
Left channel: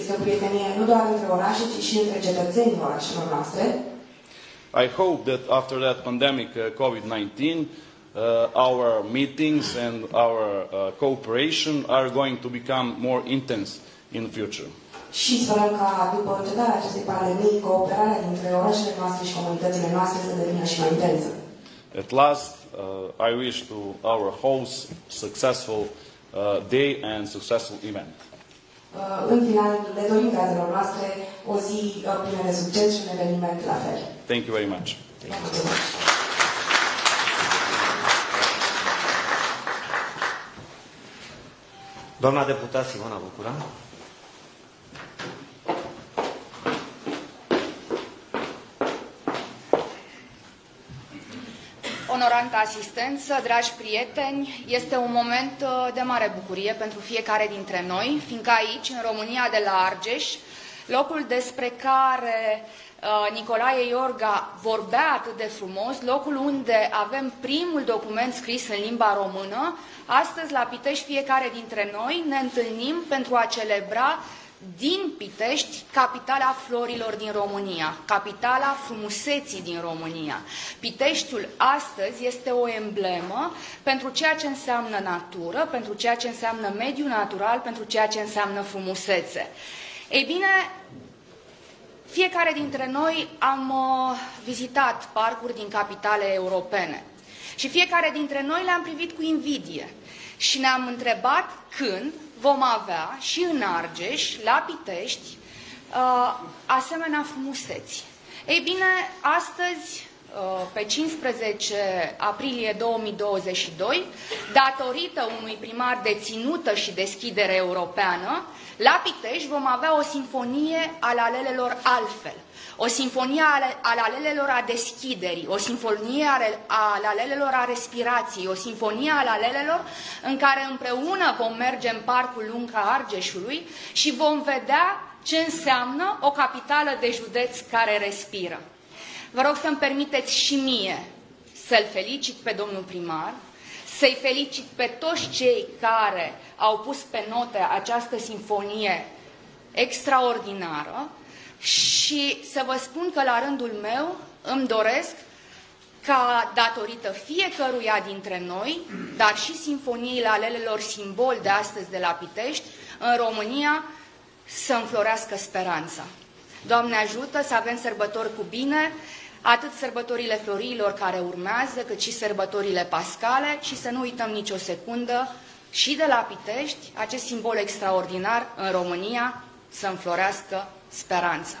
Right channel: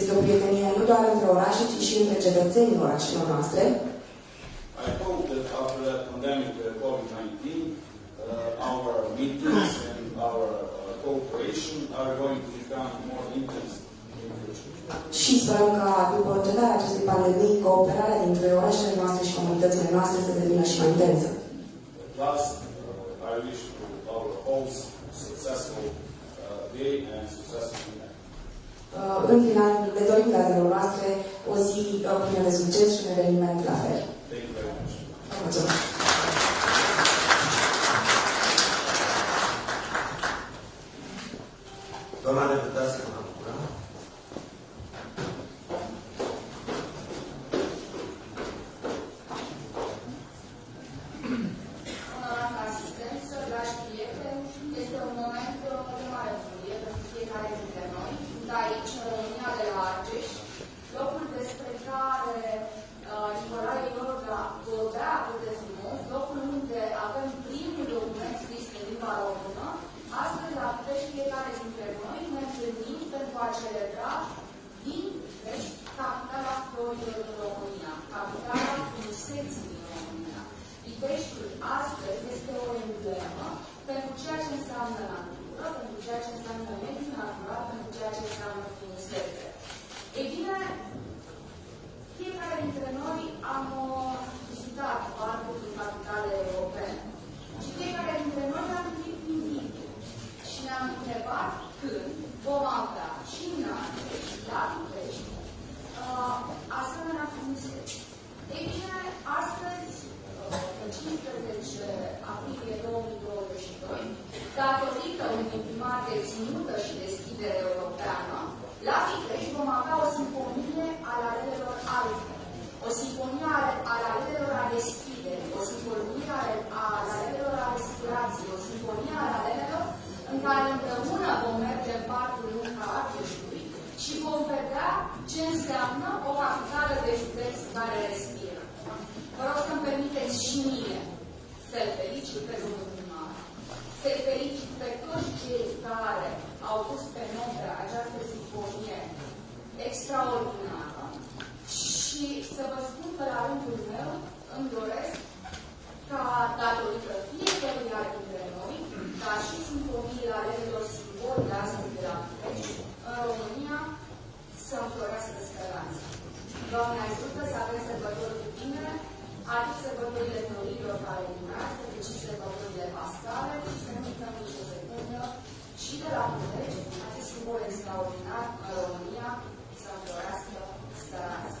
Este o prietenie nu doar între orașe, ci și între cetățenii orașelor noastre. I hope that after that pandemic COVID-19, our meetings and our cooperation are going to become more intense in the future. Și sperăm ca după încetarea acestei pandemii, cooperarea dintre orașele noastre și comunitățile noastre să devină și mai intensă. At last, I wish to our host successful day and successful event. În final, le dorim gazdelor noastre o zi plină de succes și un eveniment la fel. Thank you very much. Mulțumesc. Doamna deputat Simona Bucura. Onorantă asistență, dragi prieteni, este un moment de mare bucurie pentru fiecare dintre noi, fiindcă aici, în România de la Argeș, locul despre care Nicolae Iorga vorbea atât de frumos, locul unde avem primul document scris în limba română, astăzi la Pitești fiecare dintre noi ne întâlnim pentru a celebra din Pitești, capitala florilor din România, capitala frumuseții din România. Piteștiul astăzi este o emblemă pentru ceea ce înseamnă natură, pentru ceea ce înseamnă mediu natural, pentru ceea ce înseamnă frumusețe. Ei bine, fiecare dintre noi am vizitat parcuri din capitale europene și fiecare dintre noi le-am privit cu invidie și ne-am întrebat când vom avea și în Argeș, la Pitești, asemenea frumuseți. Ei bine, astăzi, pe 15 aprilie 2022, datorită unui primar de ținută și deschidere europeană, la Pitești vom avea o sinfonie al alelelor altfel. O sinfonie al alelelor a deschiderii, o sinfonie al alelelor a respirației, o sinfonie al alelelor în care împreună vom merge în parcul lung al Argeșului și vom vedea ce înseamnă o capitală de județ care respiră. Vă rog să-mi permiteți și mie să-l felicit pe domnul primar, să-i felicit pe toți cei care au pus pe note această sinfonie extraordinară, și să vă spun că la rândul meu îmi doresc ca, datorită fiecăruia dintre noi, dar și sinfoniile alelelor simbol de astăzi de la Pitești, în România să înflorească speranța. Doamne ajută să avem sărbători cu bine, atât sărbătorile florilor care urmează, cât și sărbătorile pascale și să nu uităm nicio secundă și de la Pitești, acest simbol extraordinar în România, să înflorească speranța.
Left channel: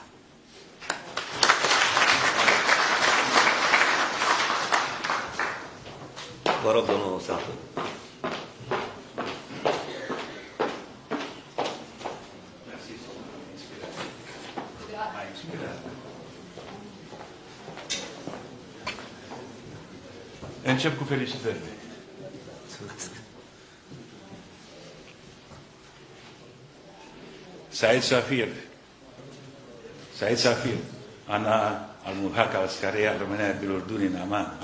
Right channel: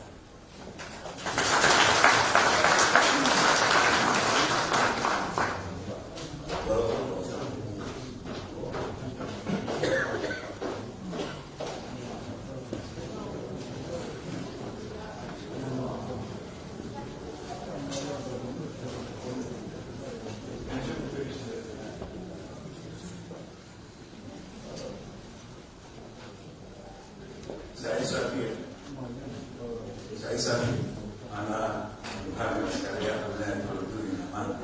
Vă rog, domnul Osan. Încep cu felicitări. Said Safir. Said Safir. Ana al-Muhaka al-Skaria România Bilorduni Naman.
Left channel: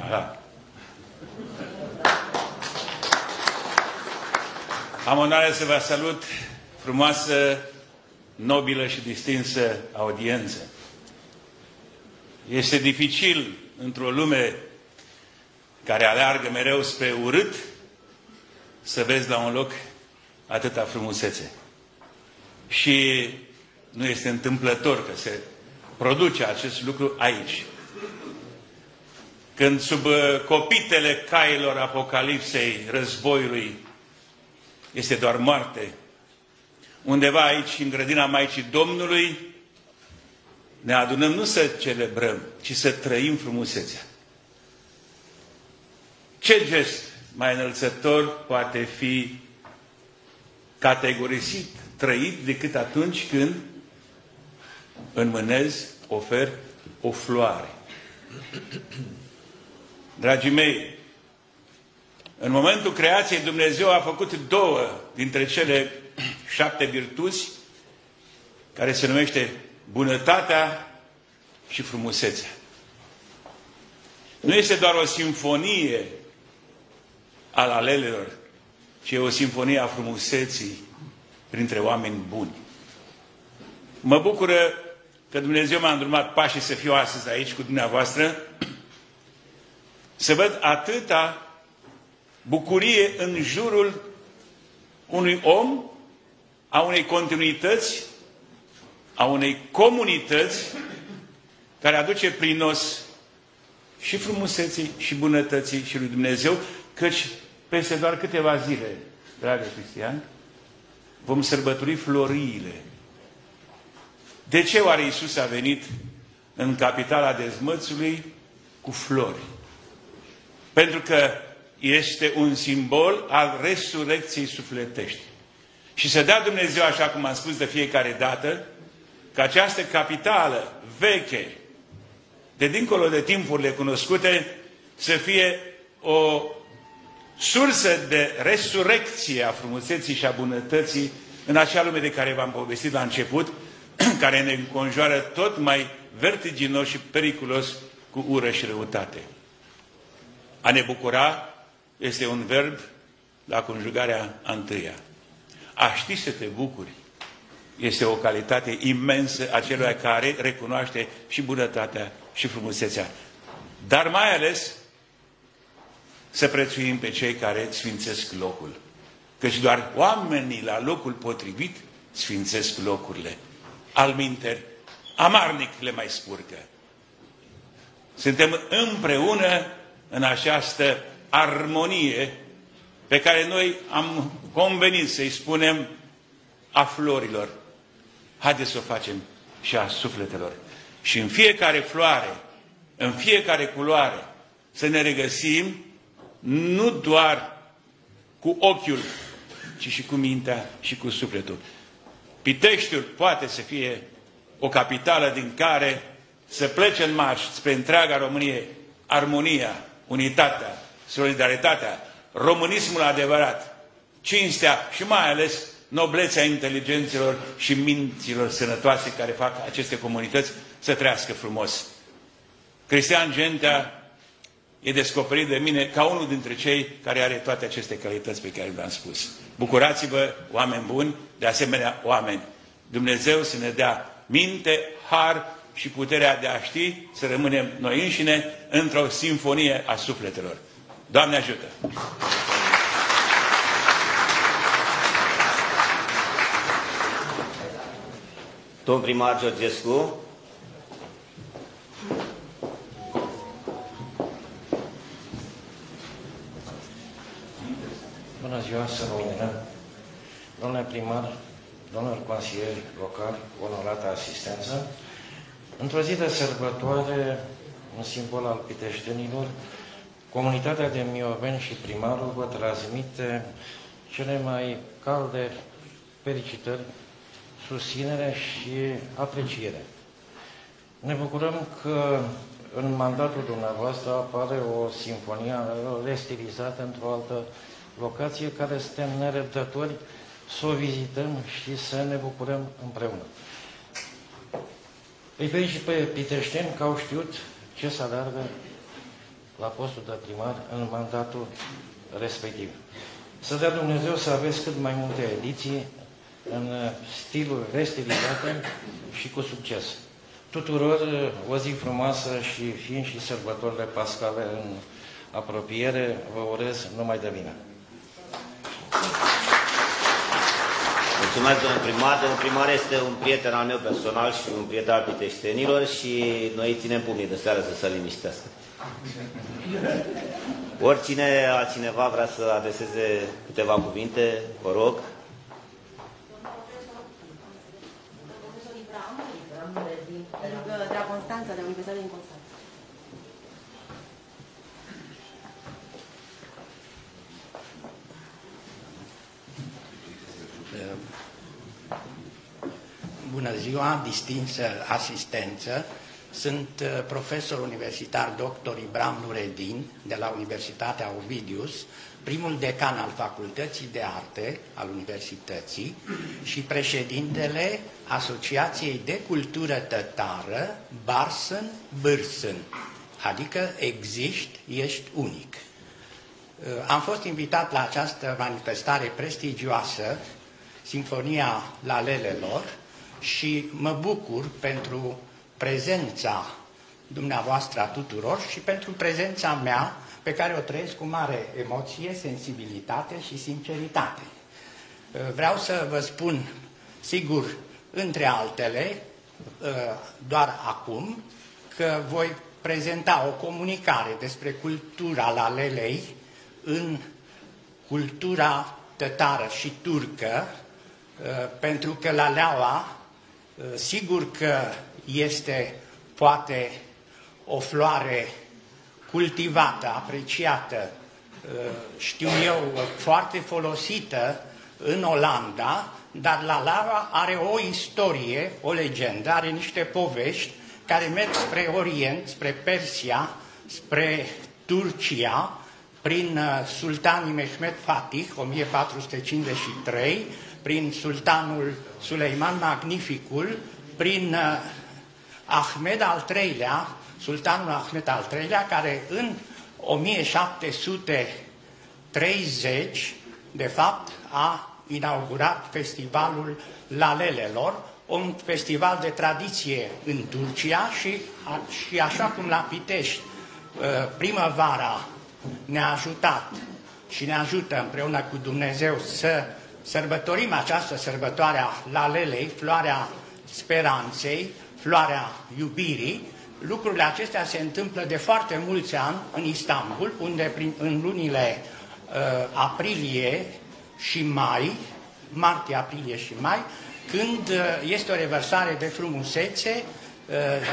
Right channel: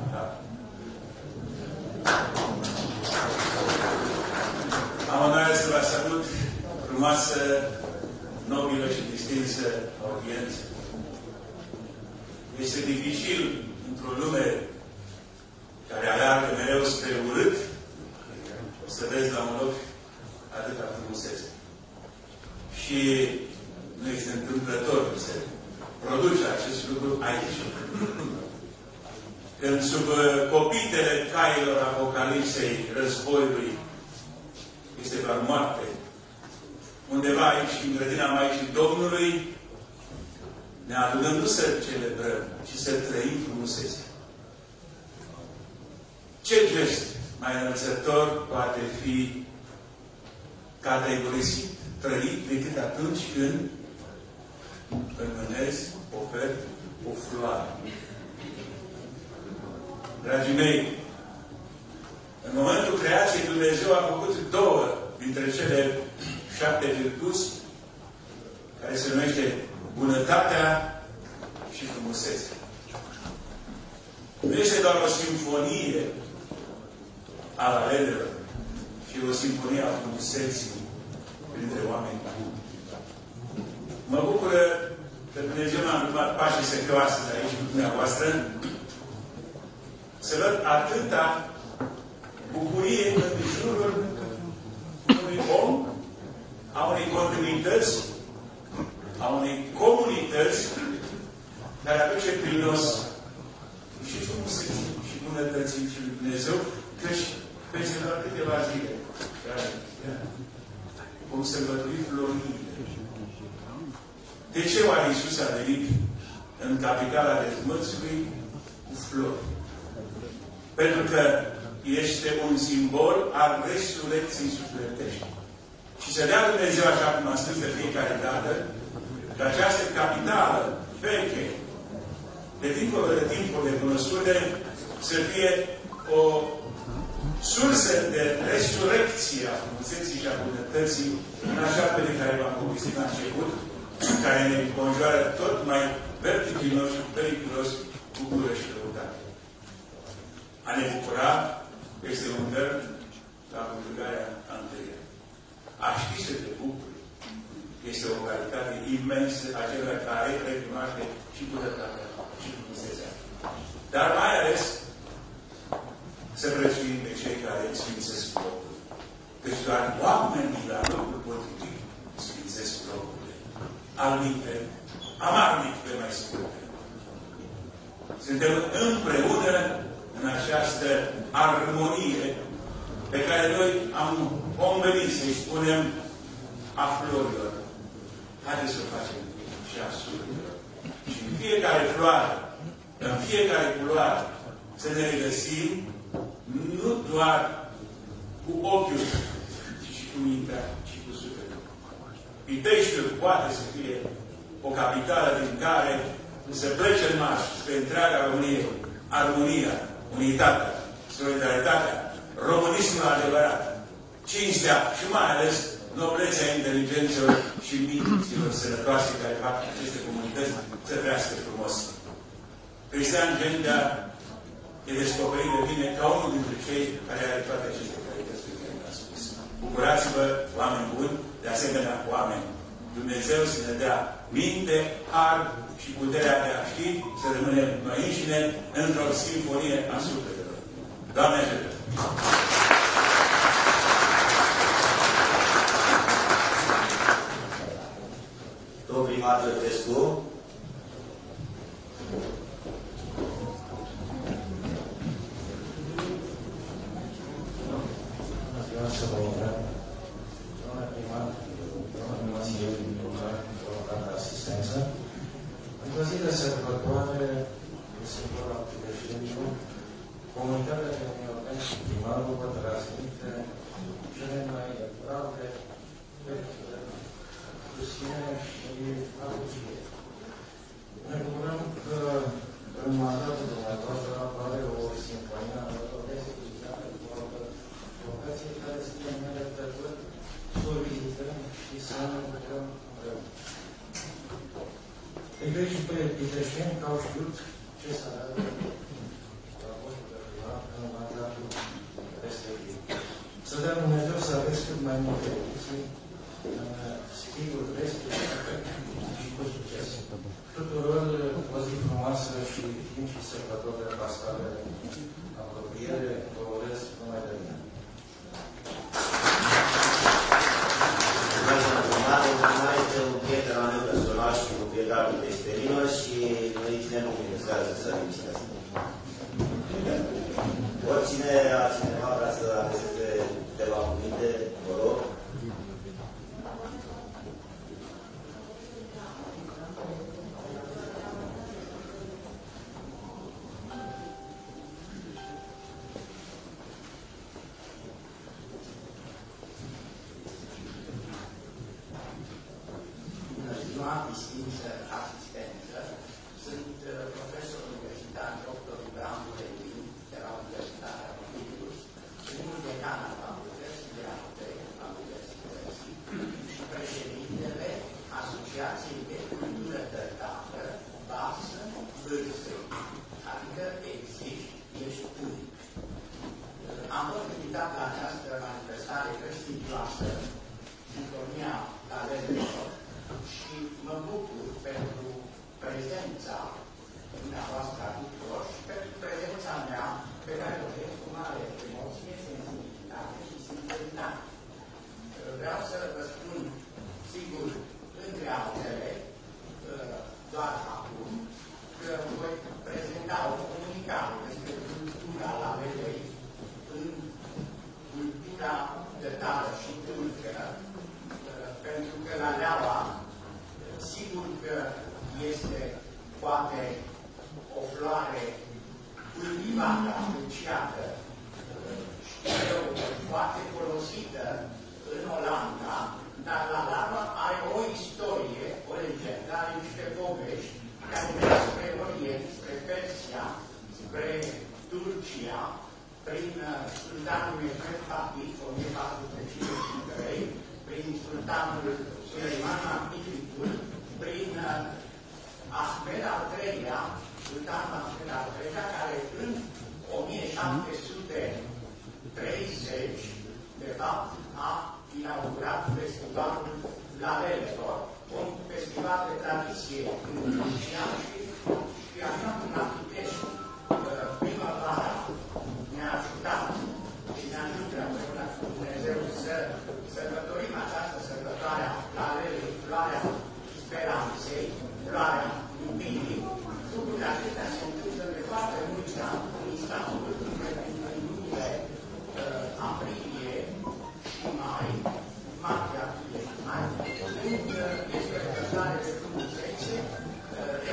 Am onoarea să vă salut, frumoasă, nobilă și distinsă audiență. Este dificil, într-o lume care aleargă mereu spre urât, să vezi la un loc atâta frumusețe. Și nu este întâmplător că se produce acest lucru aici. Când sub copitele cailor apocalipsei, războiului, este doar moarte, undeva aici, în grădina Maicii Domnului, ne adunăm nu să celebrăm, ci să trăim frumusețea. Ce gest mai înălțător poate fi categorisit, trăit, decât atunci când înmânez, ofer o floare. Dragii mei, în momentul creației Dumnezeu a făcut două dintre cele 7 virtuți care se numește bunătatea și frumusețea. Nu este doar o simfonie a alelelor, ci e o simfonie a frumuseții printre oameni buni. Mă bucură că Dumnezeu m-a îndrumat pașii să fiu astăzi aici cu dumneavoastră, să văd atâta bucurie în jurul unui om, a unei continuități, a unei comunități care aduce prinos și frumuseții și bunătății și lui Dumnezeu, căci peste doar câteva zile, dragă Cristian, vom sărbători floriile. De ce oare Iisus a venit în capitala dezmățului cu flori? Pentru că este un simbol al resurecției sufletești. Și să dea Dumnezeu, așa cum am spus de fiecare dată, că această capitală veche, de dincolo de timpurile cunoscute, să fie o sursă de resurecție a frumuseții și a bunătății în acea lume de care v-am povestit la început, care ne conjoară tot mai vertiginos și periculos cu ură și răutate. A ne bucura este un verb la conjugarea a întâia. A ști să te bucuri este o calitate imensă a celui care recunoaște și bunătatea și frumusețea. Dar mai ales să prețuim pe cei care sfințesc locul. Căci doar oamenii la locul potrivit sfințesc locurile. Alminteri, amarnic le mai scurte. Suntem împreună în această armonie pe care noi am convenit să-i spunem a florilor. Haideți să o facem și a sufletelor. Și în fiecare floare, în fiecare culoare, să ne regăsim nu doar cu ochiul, ci și cu mintea și cu sufletul. Piteștiul poate să fie o capitală din care să plece în marș spre întreaga Românie armonia, unitatea, solidaritatea, românismul adevărat, cinstea și mai ales noblețea inteligențelor și minților sănătoase care fac aceste comunități să trăiască frumos. Cristian Gentea e descoperit de mine ca unul dintre cei care are toate aceste calități pe care le-am spus. Bucurați-vă, oameni buni, de asemenea oameni. Dumnezeu să ne dea minte, har și puterea de a ști să rămânem noi înșine într-o simfonie a sufletelor. Doamne ajută! Domn primar Georgescu, bună ziua, să rămână. Domnule primar, domnul consilier local, onorată asistență, într-o zi de sărbătoare, un simbol al piteștenilor, comunitatea de mioveni și primarul vă transmite cele mai calde felicitări, susținere și apreciere. Ne bucurăm că în mandatul dumneavoastră apare o simfonie restilizată într-o altă locație care suntem nerăbdători să o vizităm și să ne bucurăm împreună. Îi felicit pe piteșteni că au știut ce să aleargă la postul de primar în mandatul respectiv. Să dea Dumnezeu să aveți cât mai multe ediții în stilul restilizate și cu succes. Tuturor o zi frumoasă și fiind și sărbătorile pascale în apropiere, vă urez numai de bine. Mulțumesc, domnul primar. Domnul primar este un prieten al meu personal și un prieten al piteștenilor și noi ținem pumnii de seară să se liniștească. Oricine altcineva vrea să adreseze câteva cuvinte, vă rog. continua distinsă asistență. Sunt profesor universitar dr. Ibram Nureddin de la Universitatea Ovidius, primul decan al Facultății de Arte al Universității și președintele Asociației de Cultură Tătară Barsen-Bârsen, adică existi, ești unic. Am fost invitat la această manifestare prestigioasă, Sinfonia Lalelelor, și mă bucur pentru prezența dumneavoastră a tuturor și pentru prezența mea, pe care o trăiesc cu mare emoție, sensibilitate și sinceritate. Vreau să vă spun, sigur, între altele, doar acum, că voi prezenta o comunicare despre cultura lalelei în cultura tătară și turcă, pentru că laleaua, sigur că este poate o floare cultivată, apreciată, știu eu, foarte folosită în Olanda, dar laleaua are o istorie, o legendă, are niște povești care merg spre Orient, spre Persia, spre Turcia, prin sultanii Mehmed Fatih, 1453, prin sultanul Suleiman Magnificul, prin Ahmed al III-lea, sultanul Ahmed al III-lea, care în 1730, de fapt, a inaugurat festivalul Lalelelor, un festival de tradiție în Turcia și așa cum la Pitești primăvara ne-a ajutat și ne ajută împreună cu Dumnezeu să sărbătorim această sărbătoare a Lalelei, floarea speranței, floarea iubirii. Lucrurile acestea se întâmplă de foarte mulți ani în Istanbul, unde în lunile aprilie și mai, martie, aprilie și mai, când este o revărsare de frumusețe,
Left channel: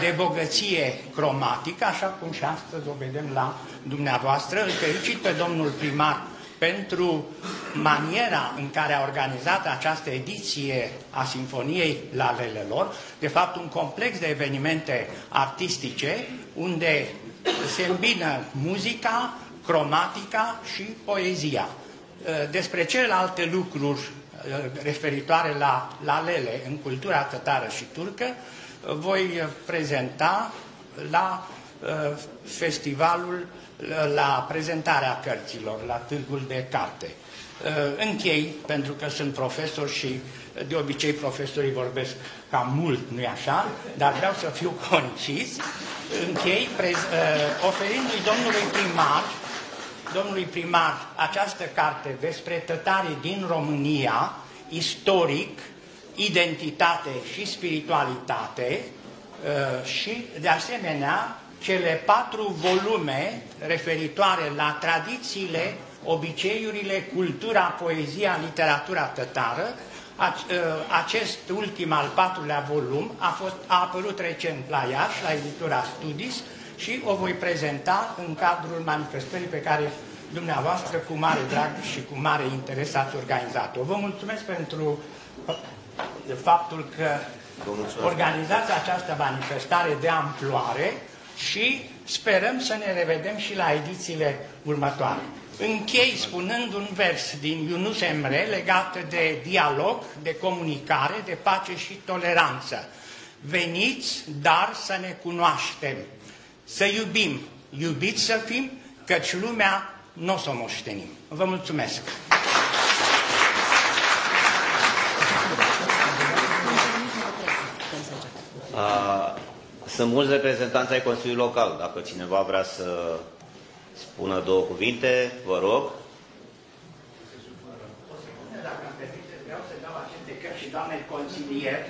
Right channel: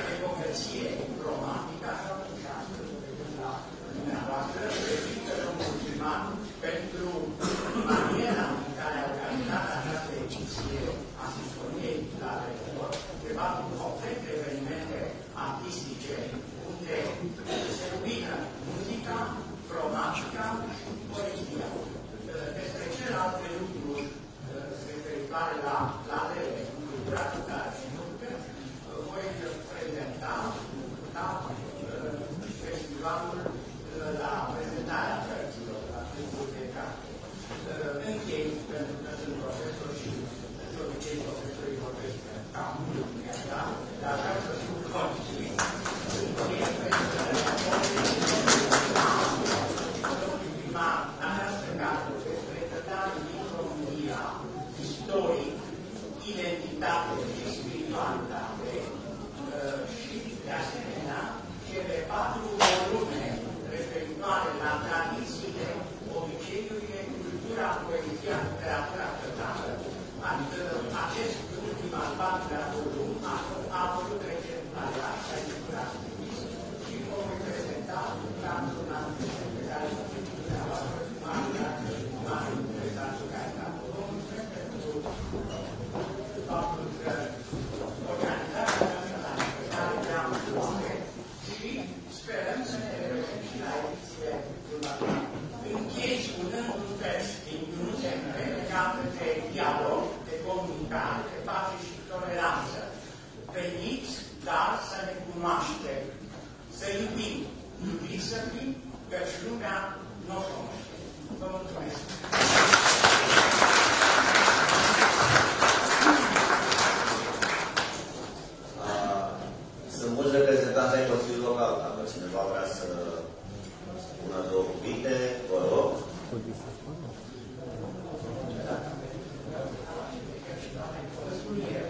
de bogăție cromatică, așa cum și astăzi o vedem la dumneavoastră. Îl felicit pe domnul primar pentru maniera în care a organizat această ediție a Sinfoniei Lalelelor, de fapt un complex de evenimente artistice unde se îmbină muzica, cromatica și poezia. Despre celelalte lucruri referitoare la lalele în cultura tătară și turcă voi prezenta la festivalul, la prezentarea cărților, la târgul de carte. Închei, pentru că sunt profesor și de obicei profesorii vorbesc cam mult, nu-i așa, dar vreau să fiu concis. Închei oferindu-i domnului primar această carte despre tătare din România, istoric, identitate și spiritualitate și, de asemenea, cele 4 volume referitoare la tradițiile, obiceiurile, cultura, poezia, literatura tătară. Acest ultim, al 4-lea volum, a apărut recent la Iași, la editura Studis, și o voi prezenta în cadrul manifestării pe care dumneavoastră, cu mare drag și cu mare interes, ați organizat-o. Vă mulțumesc pentru faptul că organizați această manifestare de amploare și sperăm să ne revedem și la edițiile următoare. Închei spunând un vers din Yunus Emre legat de dialog, de comunicare, de pace și toleranță. Veniți, dar să ne cunoaștem, să iubim, iubiți să fim, căci lumea nu o să o moștenim. Vă mulțumesc! Sunt mulți reprezentanți ai Consiliului Local. Dacă cineva vrea să spună 2 cuvinte, vă rog. Doamne consilier,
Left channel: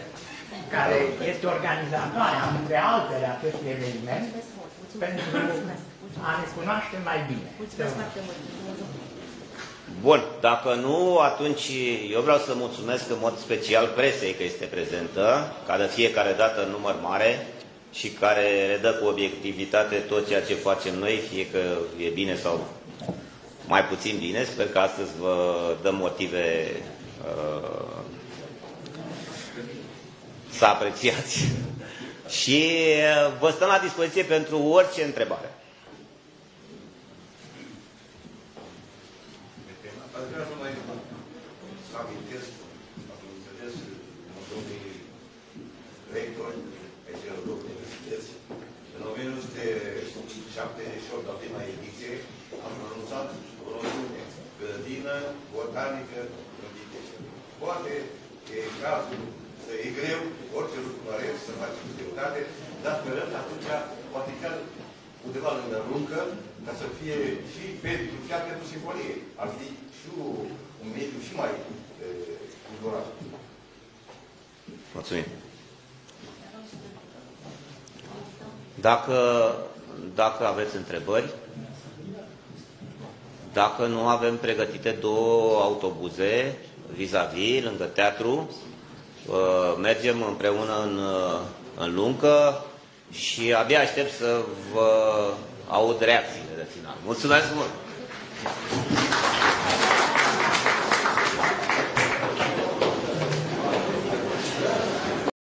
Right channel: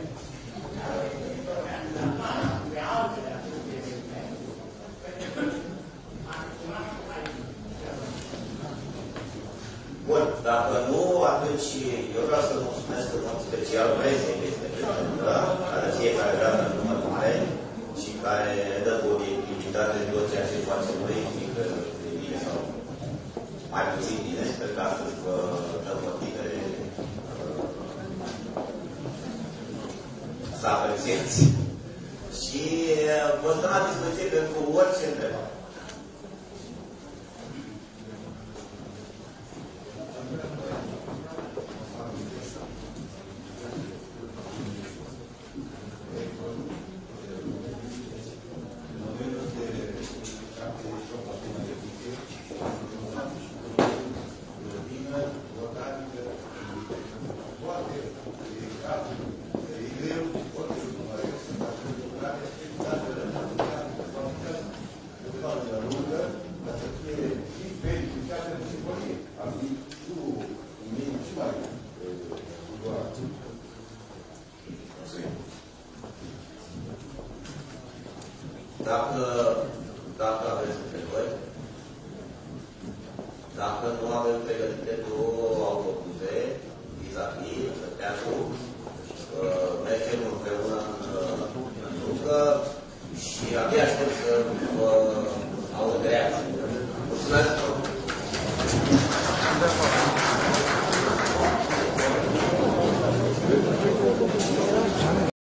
care este organizatoarea, între altele, acestui eveniment, pentru a ne cunoaște mai bine. Bun, dacă nu, atunci eu vreau să mulțumesc în mod special presei că este prezentă, care fiecare dată în număr mare și care redă cu obiectivitate tot ceea ce facem noi, fie că e bine sau mai puțin bine. Sper că astăzi vă dăm motive să apreciați. Și vă stăm la dispoziție pentru orice întrebare. Mulțumim. Dacă aveți întrebări, dacă nu avem pregătite 2 autobuze vis-a-vis, lângă teatru, mergem împreună în Luncă și abia aștept să vă aud reacții. Mulțumesc mult!